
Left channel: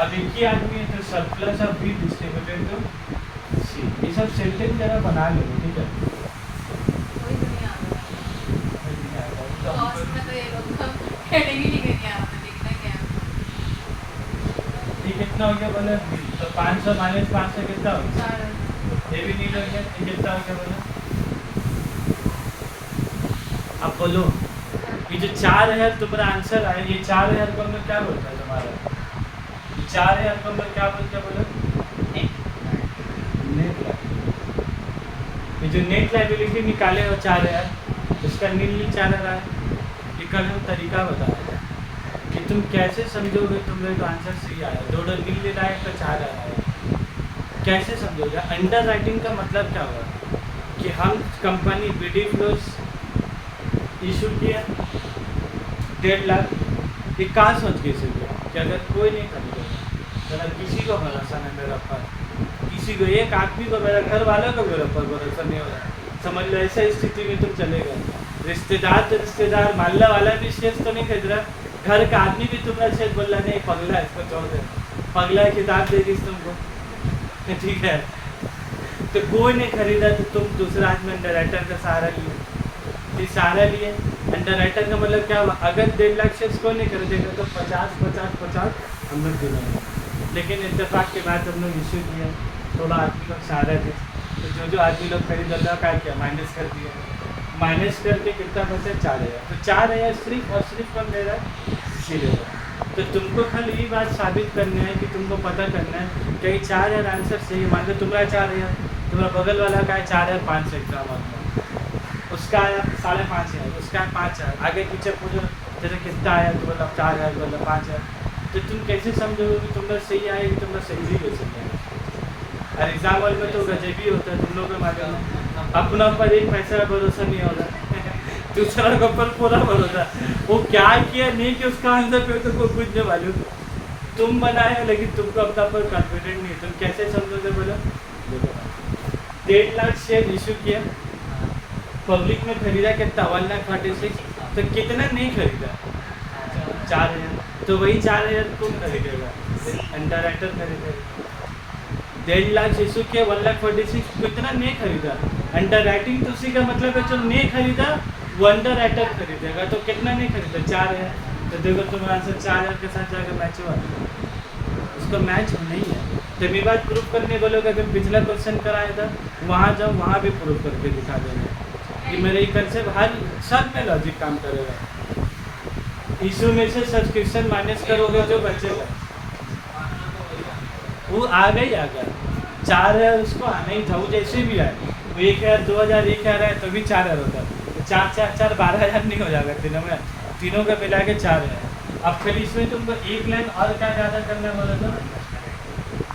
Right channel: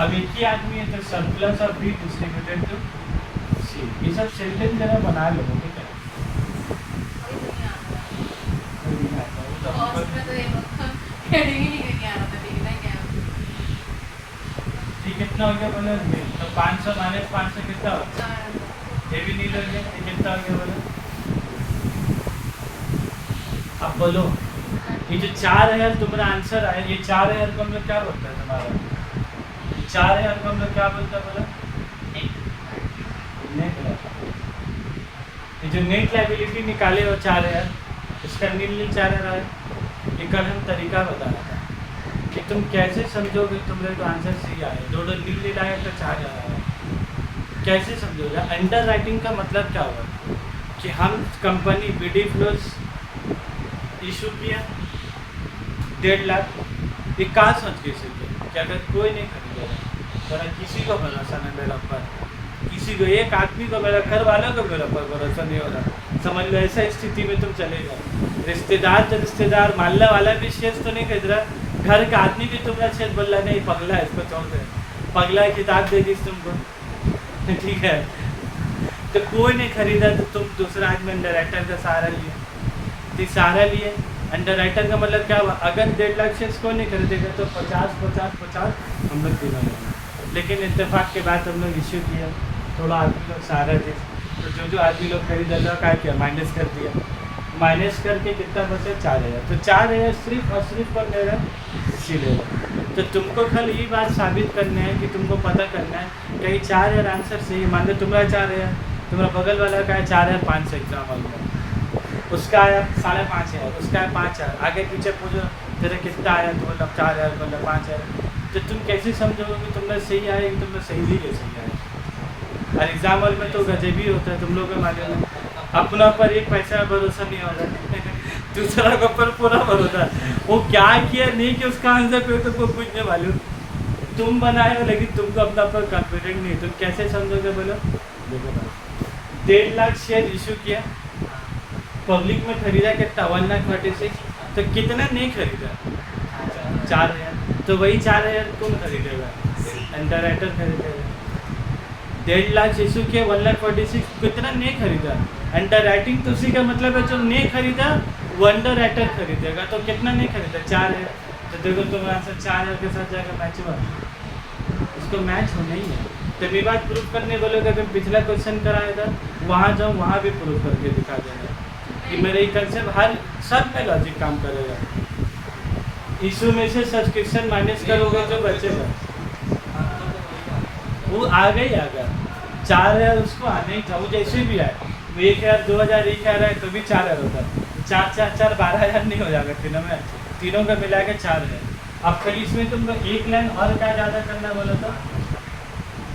अब एक ही आदमी है तो surplus of B distributed to C, ये सब सेंटेंस जरा बना लो, ठीक है। कोई तो नहीं आ रहा कॉस्ट में तो ये लोग तो हेडिंग ही नहीं करके आ रहा था, लिखना क्या है। ठीक, कितना हो गया बोले, तो 500 माइनस 500 कितना हो गया, 4,000। ये भी नहीं लग गया, ये कितना हो गया बोले। अब बोलो ये जो 4000 तुम्हारा आंसर आया, ये 4000 को हम लोग क्या बोलता है तुम्हारा, ये 4000 को हम लोग क्या बोलता है बोलो, नेट लायबिलिटी। ये जो नेट लायबिलिटी निकाले हो 4000, इसका नील 4000 आया, ये कल हम तरीका बताया था कि तुम कैसे समझोगे तुम्हारे तो आंसर सही आया, दो नील आया तो 4000 आया, कैसे समझोगे। अंडर राइटिंग का मतलब क्या हुआ कि हम कंपनी बीडी फ्लोस इशू किया 1.5 लाख, ये कहाँ सोच के इशू किया कि अगर कोई नहीं खरीदेगा, मेरा किसी को भरोसा नहीं, मेरा पर किसी को, एक आदमी को, मेरा घर वालों को मेरा पर भरोसा नहीं हो रहा, समझ लो ऐसा स्थिति में तुम चले गए। रिश्तेदार तो रिश्तेदार, मालने वाला भी शेष तो नहीं खरीद रहा, घर का आदमी भी तुम्हारा शेष बोल रहा नहीं पगला है, इसको छोड़ दे, पगला किताब देगी तुमको, ठीक है। तो कोई नहीं खरीदा तो तुम दूसरा आदमी अंडर राइटर का सहारा लिए, तो सहारा लिए। अंडर राइटर का मतलब क्या हुआ, अगर 1.5 लाख शेष को नहीं खरीदेगा तो 50 हम लोग दिलाएंगे, लेकिन इत्तेफाक के बाद हम लोग इश्यू किए, थोड़ा आदमी लोग सहारा थे, तो जो आदमी लोग खरीद लिया क्या किया, माइनस कर दिया, माइनस करके कितना बचा 4000, तो 4000 सिर्फ और सिर्फ कौन ले रहा है, सी ले रहा है। तो तुमको कल ये बात साबित करना है कि तुमको पता करना है कि 4000 आंसर सही है। मान लो तुम्हारा 4000, तुम्हारा बगल वाला का है 4500 एग्जाम में, उसका आया 5,500, उसका है 5000, आगे पीछे पूछो तेरे कितना आया, तो मतलब 4000 मतलब 5000, तो तुम कैसे समझोगे कि तुमने सही आया कि तुमने सही ही नहीं सही आया। और एग्जाम हॉल में तो गजबी होता है, तुम लोग के मालूम है, अपना पर एक पैसा का भरोसा नहीं होता, दूसरा के ऊपर पूरा भरोसा, वो क्या किया नहीं कि उसका आंसर पे तुमको कुछ नहीं मालूम, तुम बनाए हो लेकिन तुमको अपना पर कॉन्फिडेंट नहीं, तुम कैसे समझोगे बोलो। 1.5 लाख शेयर इशू किया, पब्लिक में खरीदा कितना 1,46,000, तो कितना नहीं खरीदा 4000, तो वही 4000 कौन खरीदेगा, अंडर राइटर खरीदेगा। 1.5 लाख इशू किया 1,46,000, कितना नहीं खरीदा, अंडर राइटिंग तो उसी का मतलब है जो नहीं खरीदा वो अंडर राइटर खरीदेगा, तो कितना नहीं खरीदा 4000, तो देखो तुम्हारा आंसर 4000 के साथ जाकर मैच हुआ, इसको मैच नहीं है। तो ये बात प्रूव करने बोलोगे, अगर पिछला क्वेश्चन कराया था वहाँ जाओ, वहाँ भी प्रूव करके दिखा देना कि मेरे ये कंसेप्ट हर सब में लॉजिक काम करेगा। इशू में से सब्सक्रिप्शन माइनस करोगे जो बचेगा वो आ गया 4000, उसको आना ही था, वो जैसे भी आए, वो 1,000 2,000 1,000 है तो भी 4000 होता, तो 4 12,000 नहीं हो जाएगा तीनों में, तीनों का मिला के 4000। अब फिर इसमें तुमको एक लाइन और क्या ज़्यादा करना बोलो तो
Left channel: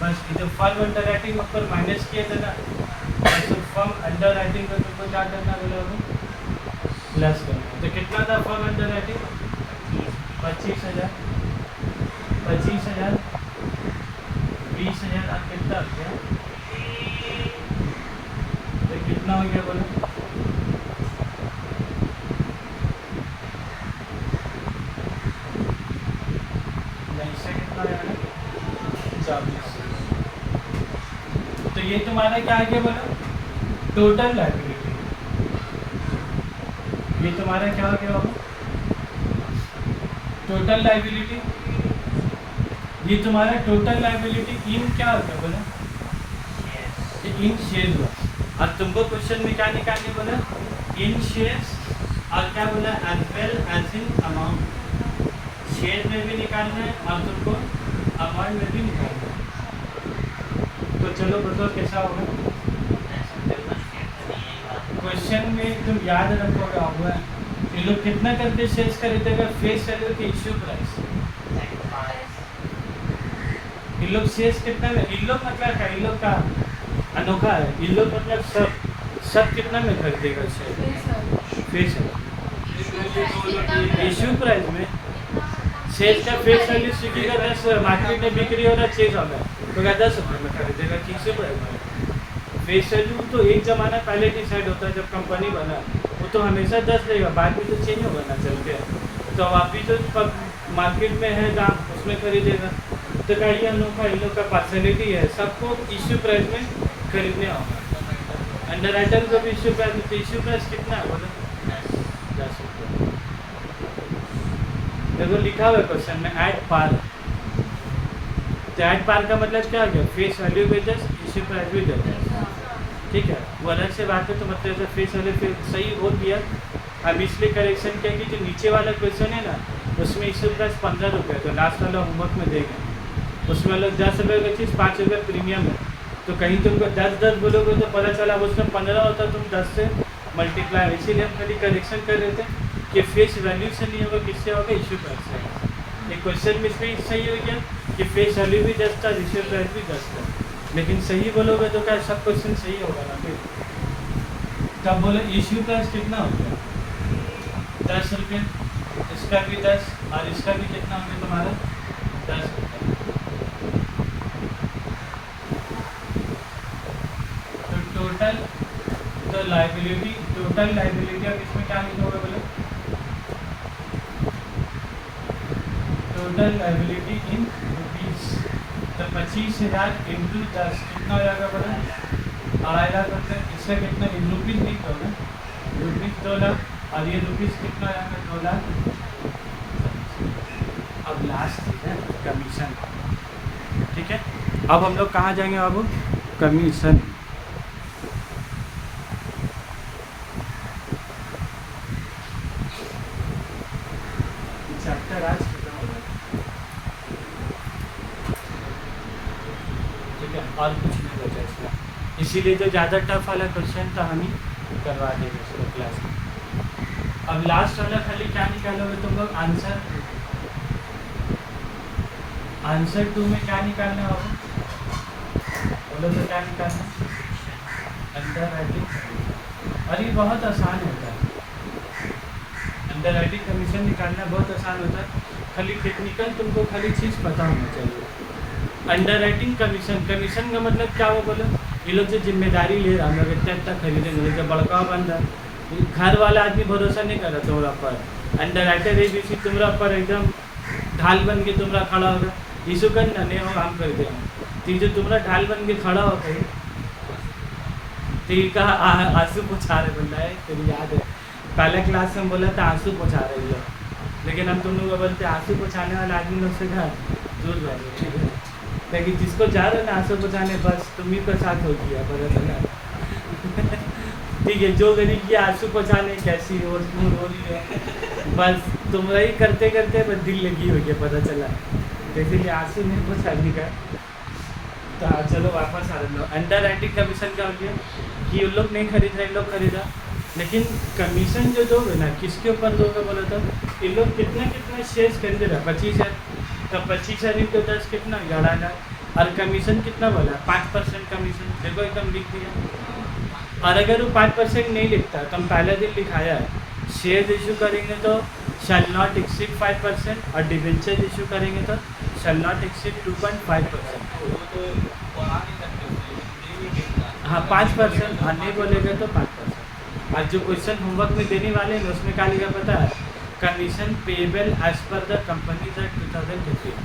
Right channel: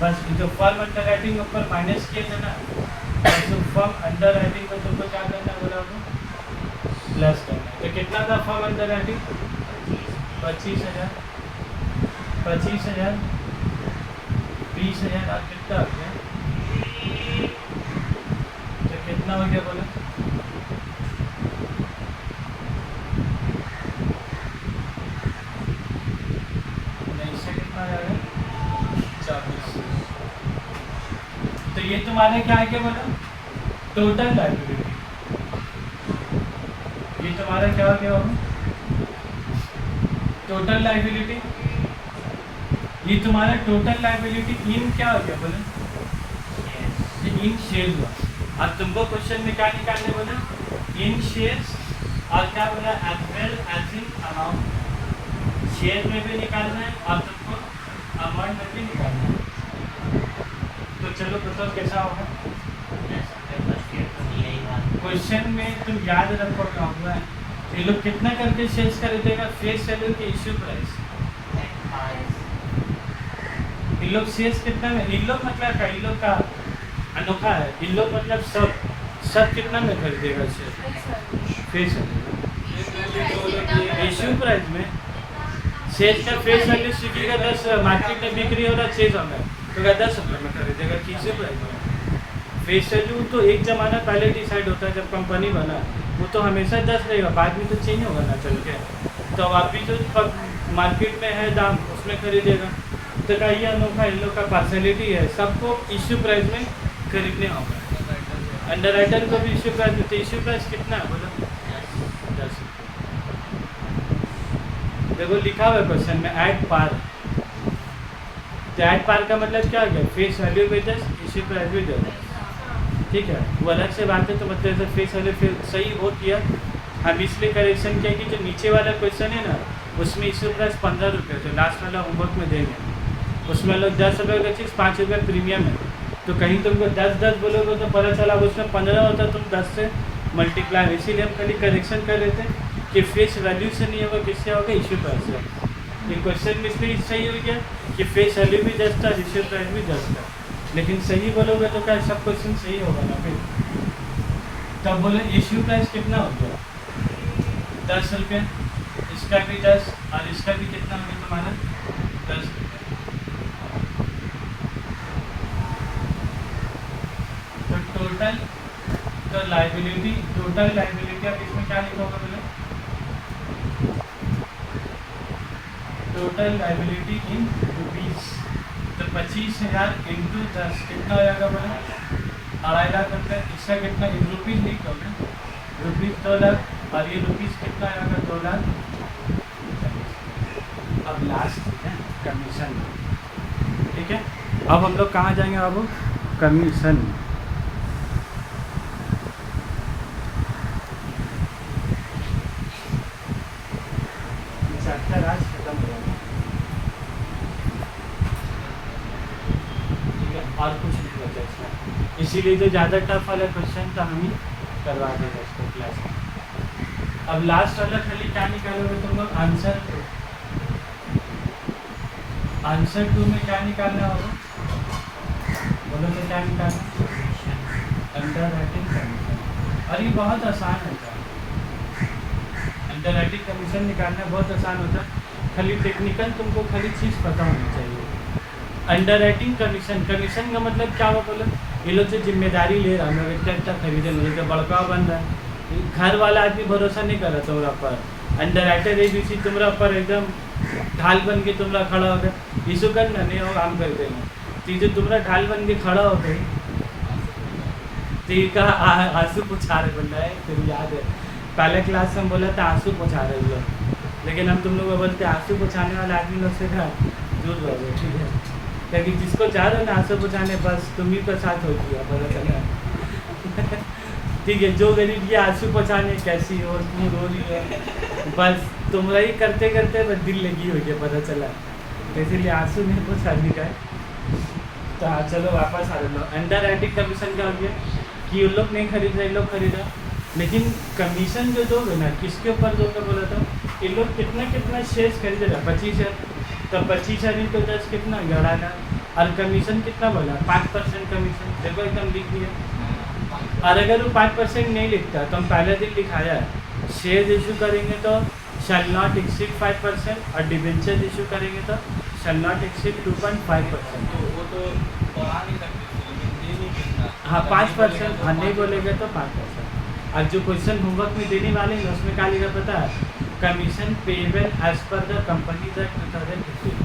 बस जो फर्म अंडर राइटिंग में ऊपर माइनस किए थे ना, तो फर्म अंडर राइटिंग में तुमको क्या करना बोला तो प्लस करना। तो कितना था फर्म अंडर राइटिंग 25,000, 25,000 20,000, आप कितना हो गया, तो कितना हो गया बोले, नहीं इससे कितना आएगा 24। तो ये तुम्हारे क्या है बोलो टोटल लायबिलिटी, ये तुम्हारा क्या हो गया बाबू टोटल लायबिलिटी, ये तुम्हारा टोटल लायबिलिटी इन क्या हो गया बोले, ये इन शेयर हुआ। अब तुमको क्वेश्चन में क्या निकालने बोला, इन शेयर्स, और क्या बोला as well as in amount, share में भी निकालना है और तुमको अमाउंट में भी निकालना है। तो चलो बताओ कैसा होगा क्वेश्चन में, तुम याद रखोगे होगा ये लोग कितना करके शेयर्स खरीदेगा, फेस वैल्यू के इश्यू प्राइस, इन लोग शेयर्स कितना में, इन लोग मतलब क्या, इन लोग का अनोखा है, इन लोग मतलब सब कितना में खरीदेगा share, face value issue price में शेष का फेस वैल्यू स्विगी का 10 मार्केट में बिक्री हो रहा 600 में, तो क्या 10 रुपये में खरीदेगा, किसी प्राइस में। फेस वैल्यू तो एक ज़माना पहले डिसाइड होता है जब कंपनी बना, वो तो हमेशा 10 रहेगा, बाद में तो चेंज होगा ना चल के। तो अभी जो मार्केट में है दाम उसमें खरीदेगा। तो क्या ये अनोखा इन लोग का पर्सनैलिटी है, सबको इश्यू प्राइस में खरीदने होगा। अंडर राइटर को भी इश्यू प्राइस में, तो इश्यू प्राइस कितना है बोलो, 10 रुपये। देखो लिखा हुआ है क्वेश्चन में ऐड पार, तो ऐड पार का मतलब क्या हो गया, फेस वैल्यू भी 10, इश्यू प्राइस भी 10, ठीक है, वो अलग से बात है। तो मतलब फेस वैल्यू फिर सही हो गया। हम इसलिए करेक्शन किया कि जो नीचे वाला क्वेश्चन है ना उसमें इश्यू प्राइस 15 रुपये, तो लास्ट वाला होमवर्क में देंगे, उसमें लोग 10 रुपये का चीज़ 5 रुपये प्रीमियम है। तो कहीं तुमको 10 बोलोगे तो पता चला उसमें 15 होता, तुम 10 से मल्टीप्लाई। इसीलिए हम खाली करेक्शन कर रहे थे कि फेस वैल्यू से नहीं होगा, किससे होगा, इश्यू प्राइस से। ये क्वेश्चन में इसमें सही हो गया कि फेस वैल्यू भी 10 था, इश्यू प्राइस भी 10 था। लेकिन सही बोलोगे तो क्या सब क्वेश्चन सही होगा ना फिर। तब बोलो इश्यू प्राइस कितना हो गया, 10 रुपये, इसका भी 10 और इसका भी कितना हो गया तुम्हारा, 10 रुपये। तो टोटल तो लाइबिलिटी, टोटल लाइबिलिटी अब इसमें क्या लिखा होगा बोलो, टोटल लाइबिलिटी इन रुपीज़। तो 25,000 इंटू 10 कितना हो जाएगा बोला, 2.5 लाख रुपये। इसका कितना इन रुपीज़ नहीं कहोगे, रुपीज़ 2 लाख, और ये रुपीज़ कितना आ जाएगा, 2 लाख। अब लास्ट है कमीशन, ठीक है। अब हम लोग कहाँ जाएंगे बाबू, कमीशन। चैप्टर आज खत्म हो गया, ठीक है, और कुछ नहीं बचा इसमें। इसीलिए जो ज़्यादा टफ वाला क्वेश्चन था हम ही करवा देंगे इसको क्लास में। अब लास्ट वाला खाली क्या निकालोगे तुम लोग, आंसर। आंसर 2 में क्या निकालना होगा बोलो, तो क्या निकालना, अंडर राइटिंग कमीशन। और ये बहुत आसान होता है, अंडर राइटिंग कमीशन निकालना बहुत आसान होता है। खाली टेक्निकल तुमको खाली चीज़ पता होनी चाहिए। अंडर राइटिंग कमीशन, कमीशन का मतलब क्या हुआ बोले, ये लोग जो जिम्मेदारी ले रहा, हम लोग इतना इतना खरीदे, लोग जो बड़का बन रहा, घर वाला आदमी भरोसा नहीं कर रहा तुम्हारा पर। Underwriter A B C तुम्हारा पर एकदम ढाल बन के तुम्हारा खड़ा हो गया, यीशु करना नहीं होगा, हम कर देंगे। तो जो तुम्हारा ढाल बन के खड़ा हो गई, तो का आंसू पोछा रहे बन रहा है। तो याद है पहले क्लास में हम बोला था आंसू पोछा रहे लोग, लेकिन हम तुम लोग को बोलते आंसू पोछाने वाले आदमी लोग से था दूर रहो, ठीक है। लेकिन जिसको जा रहे ना आंसू पोछाने, बस तुम ही के साथ हो गया पता चला। ठीक है, जो गरीब की आंसू पोछाने कैसी हो, क्यों रो रही है, बस तुम्हारा ही करते करते बस दिल लगी हुई है पता चला, तो इसीलिए आंसू नहीं पोछाने का है। तो चलो वापस आ रहे लोग। अंडर राइटिंग कमीशन क्या हो गया कि ये लोग नहीं खरीद रहे, लोग खरीदा, लेकिन कमीशन जो दोगे ना किसके ऊपर दोगे बोला था, ये लोग कितना कितना शेयर्स खरीदेगा, 25,000, तो 25,000 इंटू 10 कितना, 11 लाख। और कमीशन कितना बोला, 5% कमीशन, देखो एकदम लिख दिया। और अगर वो 5% नहीं लिखता तो हम पहले दिन लिखाया है, शेयर इशू करेंगे तो शैल नॉट एक्सीड 5%, और डिबेंचर इशू करेंगे तो शैल नॉट एक्सीड 2.5%। हाँ 5%, हाँ नहीं बोलेगा तो 5%। और जो क्वेश्चन होमवर्क में देने वाले हैं उसमें क्या लिखा पता है, commission payable as per the company act 2018,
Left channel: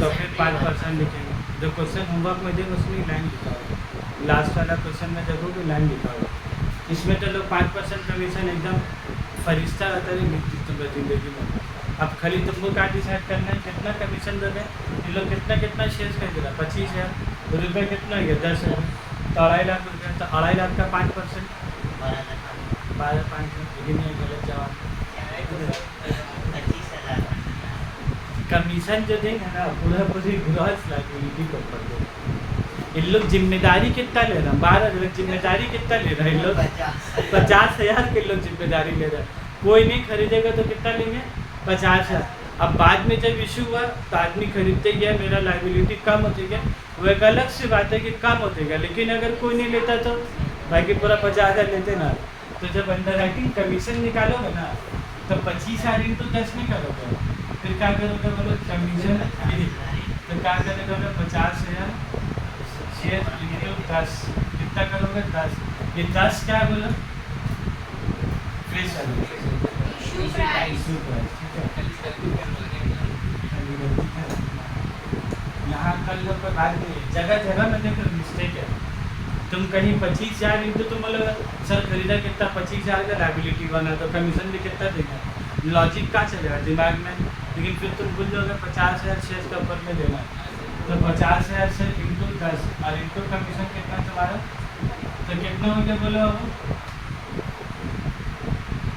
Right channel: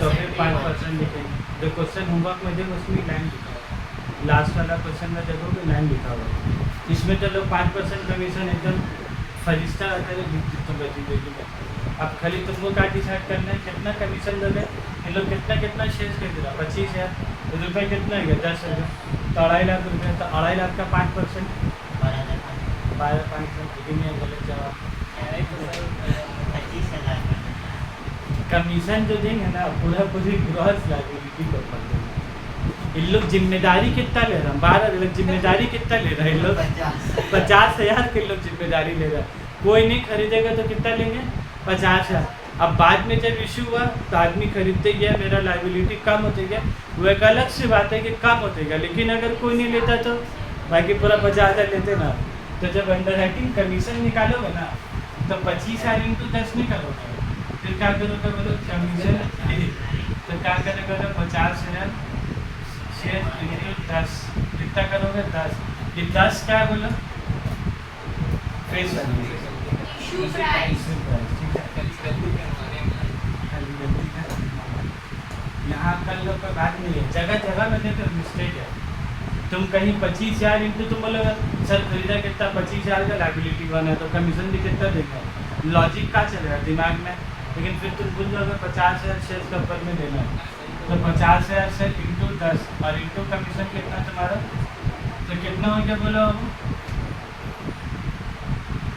तो फिर 5% लिखेंगे। जो क्वेश्चन होमवर्क में देंगे उसमें लाइन लिखा होगा, लास्ट वाला क्वेश्चन में देखोगे लाइन लिखा होगा। इसमें तो लोग 5% कमीशन एकदम फरिश्ता रहते हैं लिख देते हैं जिंदगी में। अब खाली तुमको क्या डिसाइड करना है कितना कमीशन दे रहे, ये लोग कितना कितना शेयर नहीं दे रहा, 25,000 रुपये कितना है 10 रुपये, तो 2.5 लाख रुपये, तो 2.5 लाख का 5%, 12,500, लेकिन ये गलत जवाब। कमीशन जो देंगे ना पूरा पूरी ग्रॉस लाइबिलिटी के ऊपर देंगे। इन लोग जिम्मेदारी कितना ले रहा है, 12 लोग जिम्मेदारी कितना ले रहा है, इन लोग 50,000 के लोग जिम्मेदारी ले रहा है। कोई नहीं खरीदेगा तो कितना लेंगे, 50,000। अब बाद में जब इशू हुआ तो आदमी खरीदते गया, मेरा लाइबिलिटी कम होते गया, वो एक अलग सी बात है कि कम होते गया। लेकिन अगर कोई नहीं लेता तो बाकी पूरा 50,000 लेते ना। तो जब अंडर राइटिंग कमीशन निकालोगे ना तो 25,000 इंटू 10 नहीं करोगे, फिर क्या करोगे बोलो कमीशन। तो क्या करेगा 50,000 शेयर इंटू 10, कितना करोगे 10, ये 10 क्या है बोलो फेस वैल्यू, इशू प्राइस। यहाँ कल लोग कोई बात नहीं है, जगह जगह में देखो मिस्टेक है। तुम कहीं 25,000 इंटू तुम बोलो सर खरीदा कितना 25,000 का लाइबिलिटी बना तो कमीशन भी कितना देना है, लॉजिक का चल रहा है दिमाग में, लेकिन फिर तुम भूल जाओगे 50,000 शेयर के ऊपर में देना है। तो 50,000 शेयर इंटू 10 और इंटू कमीशन कितना तुम्हारा, तो कितना हो गया बोलो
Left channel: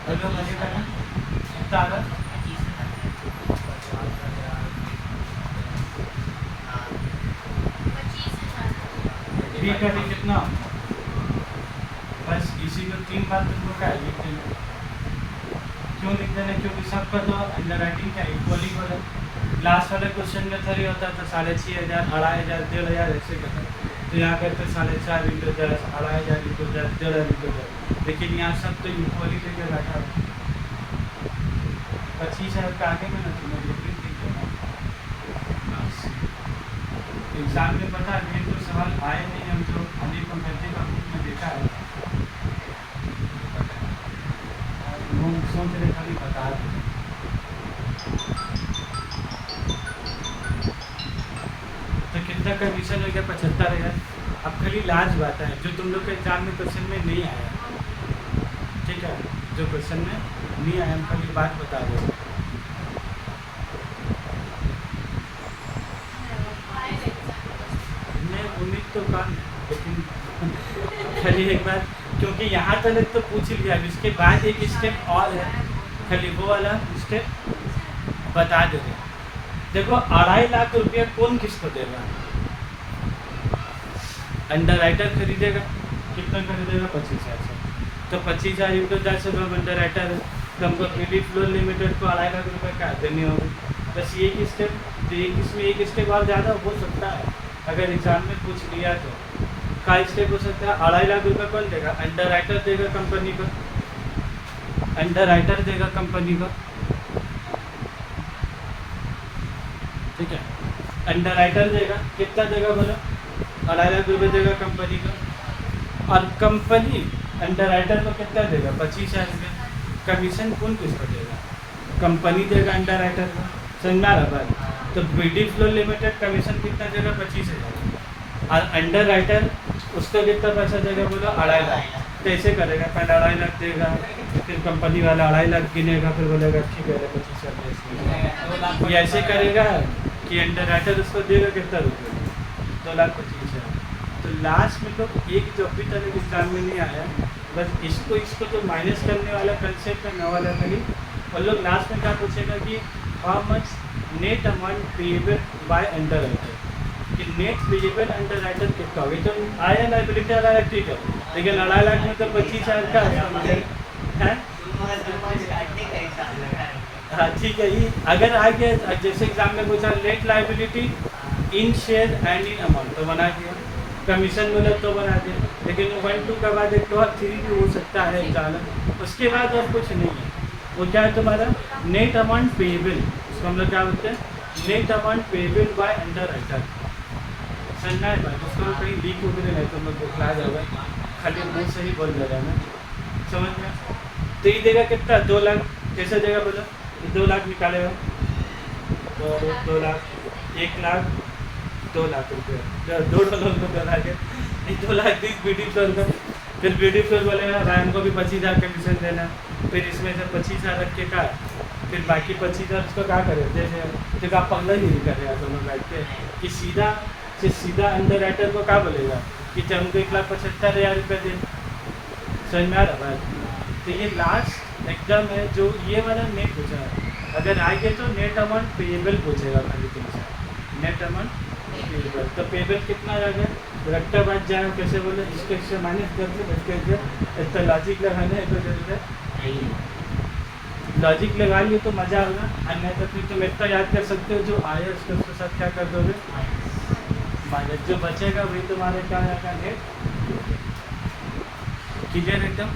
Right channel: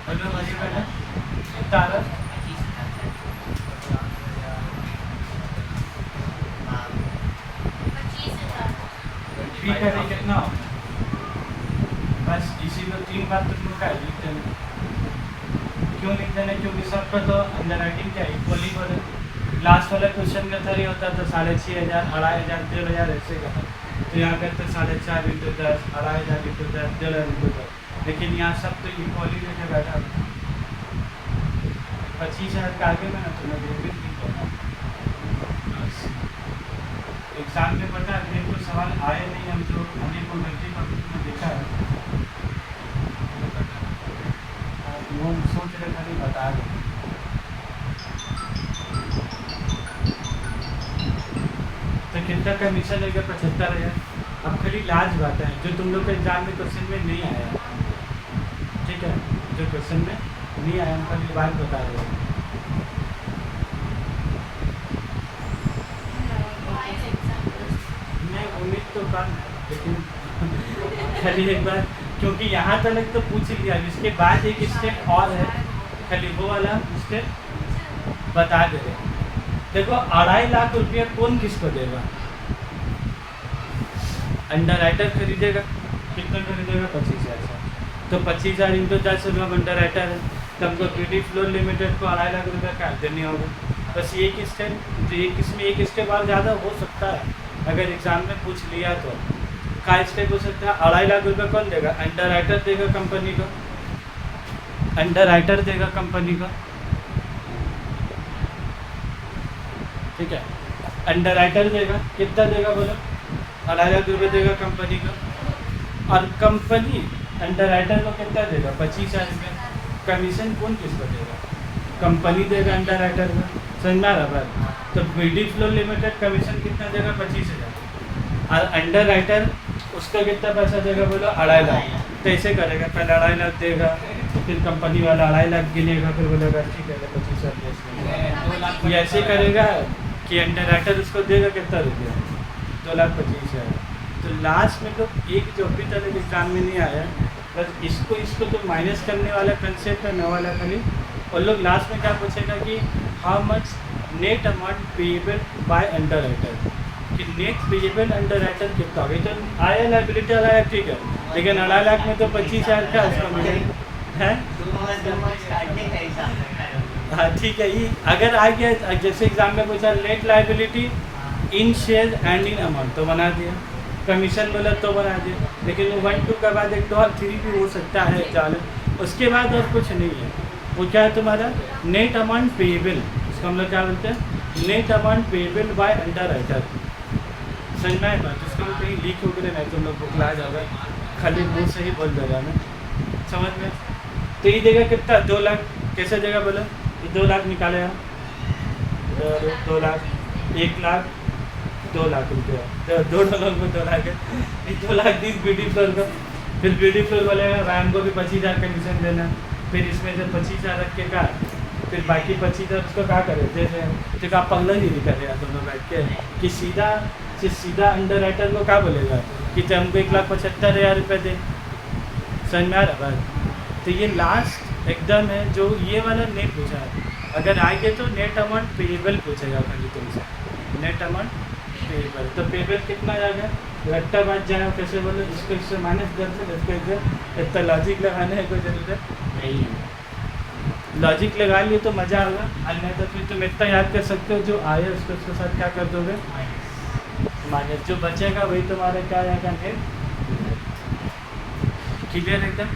बोलो मजे का कितना आ रहा, 25,000। भी करे कितना हो, बस इसी को 3 बार तुम लोग का लिख देना। क्यों लिख देना, क्योंकि सबको तो अंडर राइटिंग का इक्वली बोले। लास्ट वाले क्वेश्चन में थोड़ी होता तो 6,500 2,500 1,500 ऐसे का, तो यहाँ करते 4,500 इंटू 10 2,500 इंटू 10 1,500 इंटू 10, लेकिन यहाँ सब तो इक्वली लेके बैठा 25,000 का आगे में ना तुम्हें ग्रुपिंग नहीं करना। एग्जाम में पता है तो सवाल आए नहीं, हम तो हमें को गलती का बुक में देखा है, हम सोच रहे खाली बता दें। तो कितना कमीशन हो गया 75,000। अब खाली लास्ट बात है जो तुम लोग के एग्जाम में क्वेश्चन में नहीं आया, ठीक है, जो क्वेश्चन में नहीं आया हम खाली बात बता रहे हैं। नहीं उम्मीद तो कम, लेकिन खाली एक बार, क्योंकि यहाँ तक तो पूछ लिया, अब इसके बाद एक स्टेप और है, खाली वो वाला स्टेप बता दे रहे। देखो 2.5 लाख रुपया कौन किसको देगा, अंडर राइटर खरीदेगा, कितना खरीदेगा 25,000 से, तो 25,000 इंटू 10 से हम अंडर राइटर है, तो हमको क्रेडिट फ्लोर लिमिटेड को 2.5 लाख रुपया क्या देनी होगी, बस एक स्टेप, तो एक इसमें एक स्टेप और ज़्यादा हो सकता है, अगर एग्जाम में पूछ लिया तो क्या स्टेप हो सकता है। 2.5 लाख रुपया कौन देगा, अंडर राइटर देगा कंपनी का, अंडर राइटर देगा कंपनी का, ठीक है, अंडर राइटर देगा, कितना देगा बोलो 2.5 लाख रुपये देगा कंपनी का, और कंपनी अंडर राइटर को कितना देगा 25,000 रुपया, कमीशन कौन किसको देगा, कंपनी देगा अंडर राइटर का, समझना रहा बात। तो बीडी फ्लोर लिमिटेड कमीशन कितना देगा 25,000, और अंडर राइटर उसको कितना पैसा देगा बोलो 2.5 लाख, तो ऐसे करेगा पहले 2.5 लाख देगा, फिर कंपनी वाला 2.5 लाख गिनेगा, फिर बोलेगा ठीक है 25,000, ये ऐसे करेगा कि अंडर राइटर उसको देगा कितना रुपया 2,25,000। तो लास्ट में तो एक जो अभी तक एग्जाम में नहीं आया, बस इसको तो माइनस करने वाला कंसेप्ट है नया वाला खाली, और लोग लास्ट में क्या पूछेगा कि how much net amount payable by under writer, कि नेट पेएबल अंडर राइटर कितना होगा, तो आया लाइबिलिटी आया ठीक है, लेकिन 2.5 लाख में तो 25,000 का उसका मिलेगा है। हाँ ठीक है, ये अगर आ गया जैसे एग्जाम में पूछा net liability in share and in amount तो बना दिया, कमीशन बोला तो बना दिया, लेकिन 1 2 के बाद 1 2 और 3 भी हो सकता है एग्जाम में, उसके बाद और कुछ नहीं है। वो क्या है तुम्हारा नेट अमाउंट पेएबल, इसको हम लोग क्या बोलते हैं net amount payable by under writer, समझना है बात, उसको कहीं लीक हो गया नहीं तुम लोग बुखला जाएगा, खाली मुँह से ही बोल दे रहा मैं, समझ में। तो ये देगा कितना 2 लाख, कैसे देगा बोलो, 2 लाख निकालेगा 2 लाख 1 लाख 2 लाख रुपया, 2 डॉलर में 2 लाख है, 2 लाख 20 बीडी फ्लोर का, फिर बीडी फ्लोर बोलेगा वैन को भी 25,000 कमीशन देना, फिर इसमें से 25,000 रख के का, फिर बाकी 25,000 उसको क्या करे जैसे, फिर आप पल्ला ही नहीं करेगा दोनों बैठ के, कि सीधा अंडर राइटर को क्या बोलेगा कि जब हमको 1,75,000 रुपये दे, समझ में आ रहा भाई। तो ये लास्ट एग्जाम है जो ये वाला नहीं पूछा है, अगर आगे तो नेट अमाउंट पेएबल पूछेगा खाली तुमसे, नेट अमाउंट पेएबल, तो पेएबल कितना आ जाएगा, रट्टा बाज जाएगा, कैसे बोले जिसको इससे माइनस कर दे उसको इतना लॉजिक लगाने की जरूरत नहीं, लॉजिक लगा लिए तो मज़ा आएगा, अन्यथा तो फिर तुम इतना याद कर सकते हो जो आए उसके साथ क्या कर दोगे माइनस, जो बचेगा वही तुम्हारे क्या रहेगा, क्लियर एकदम।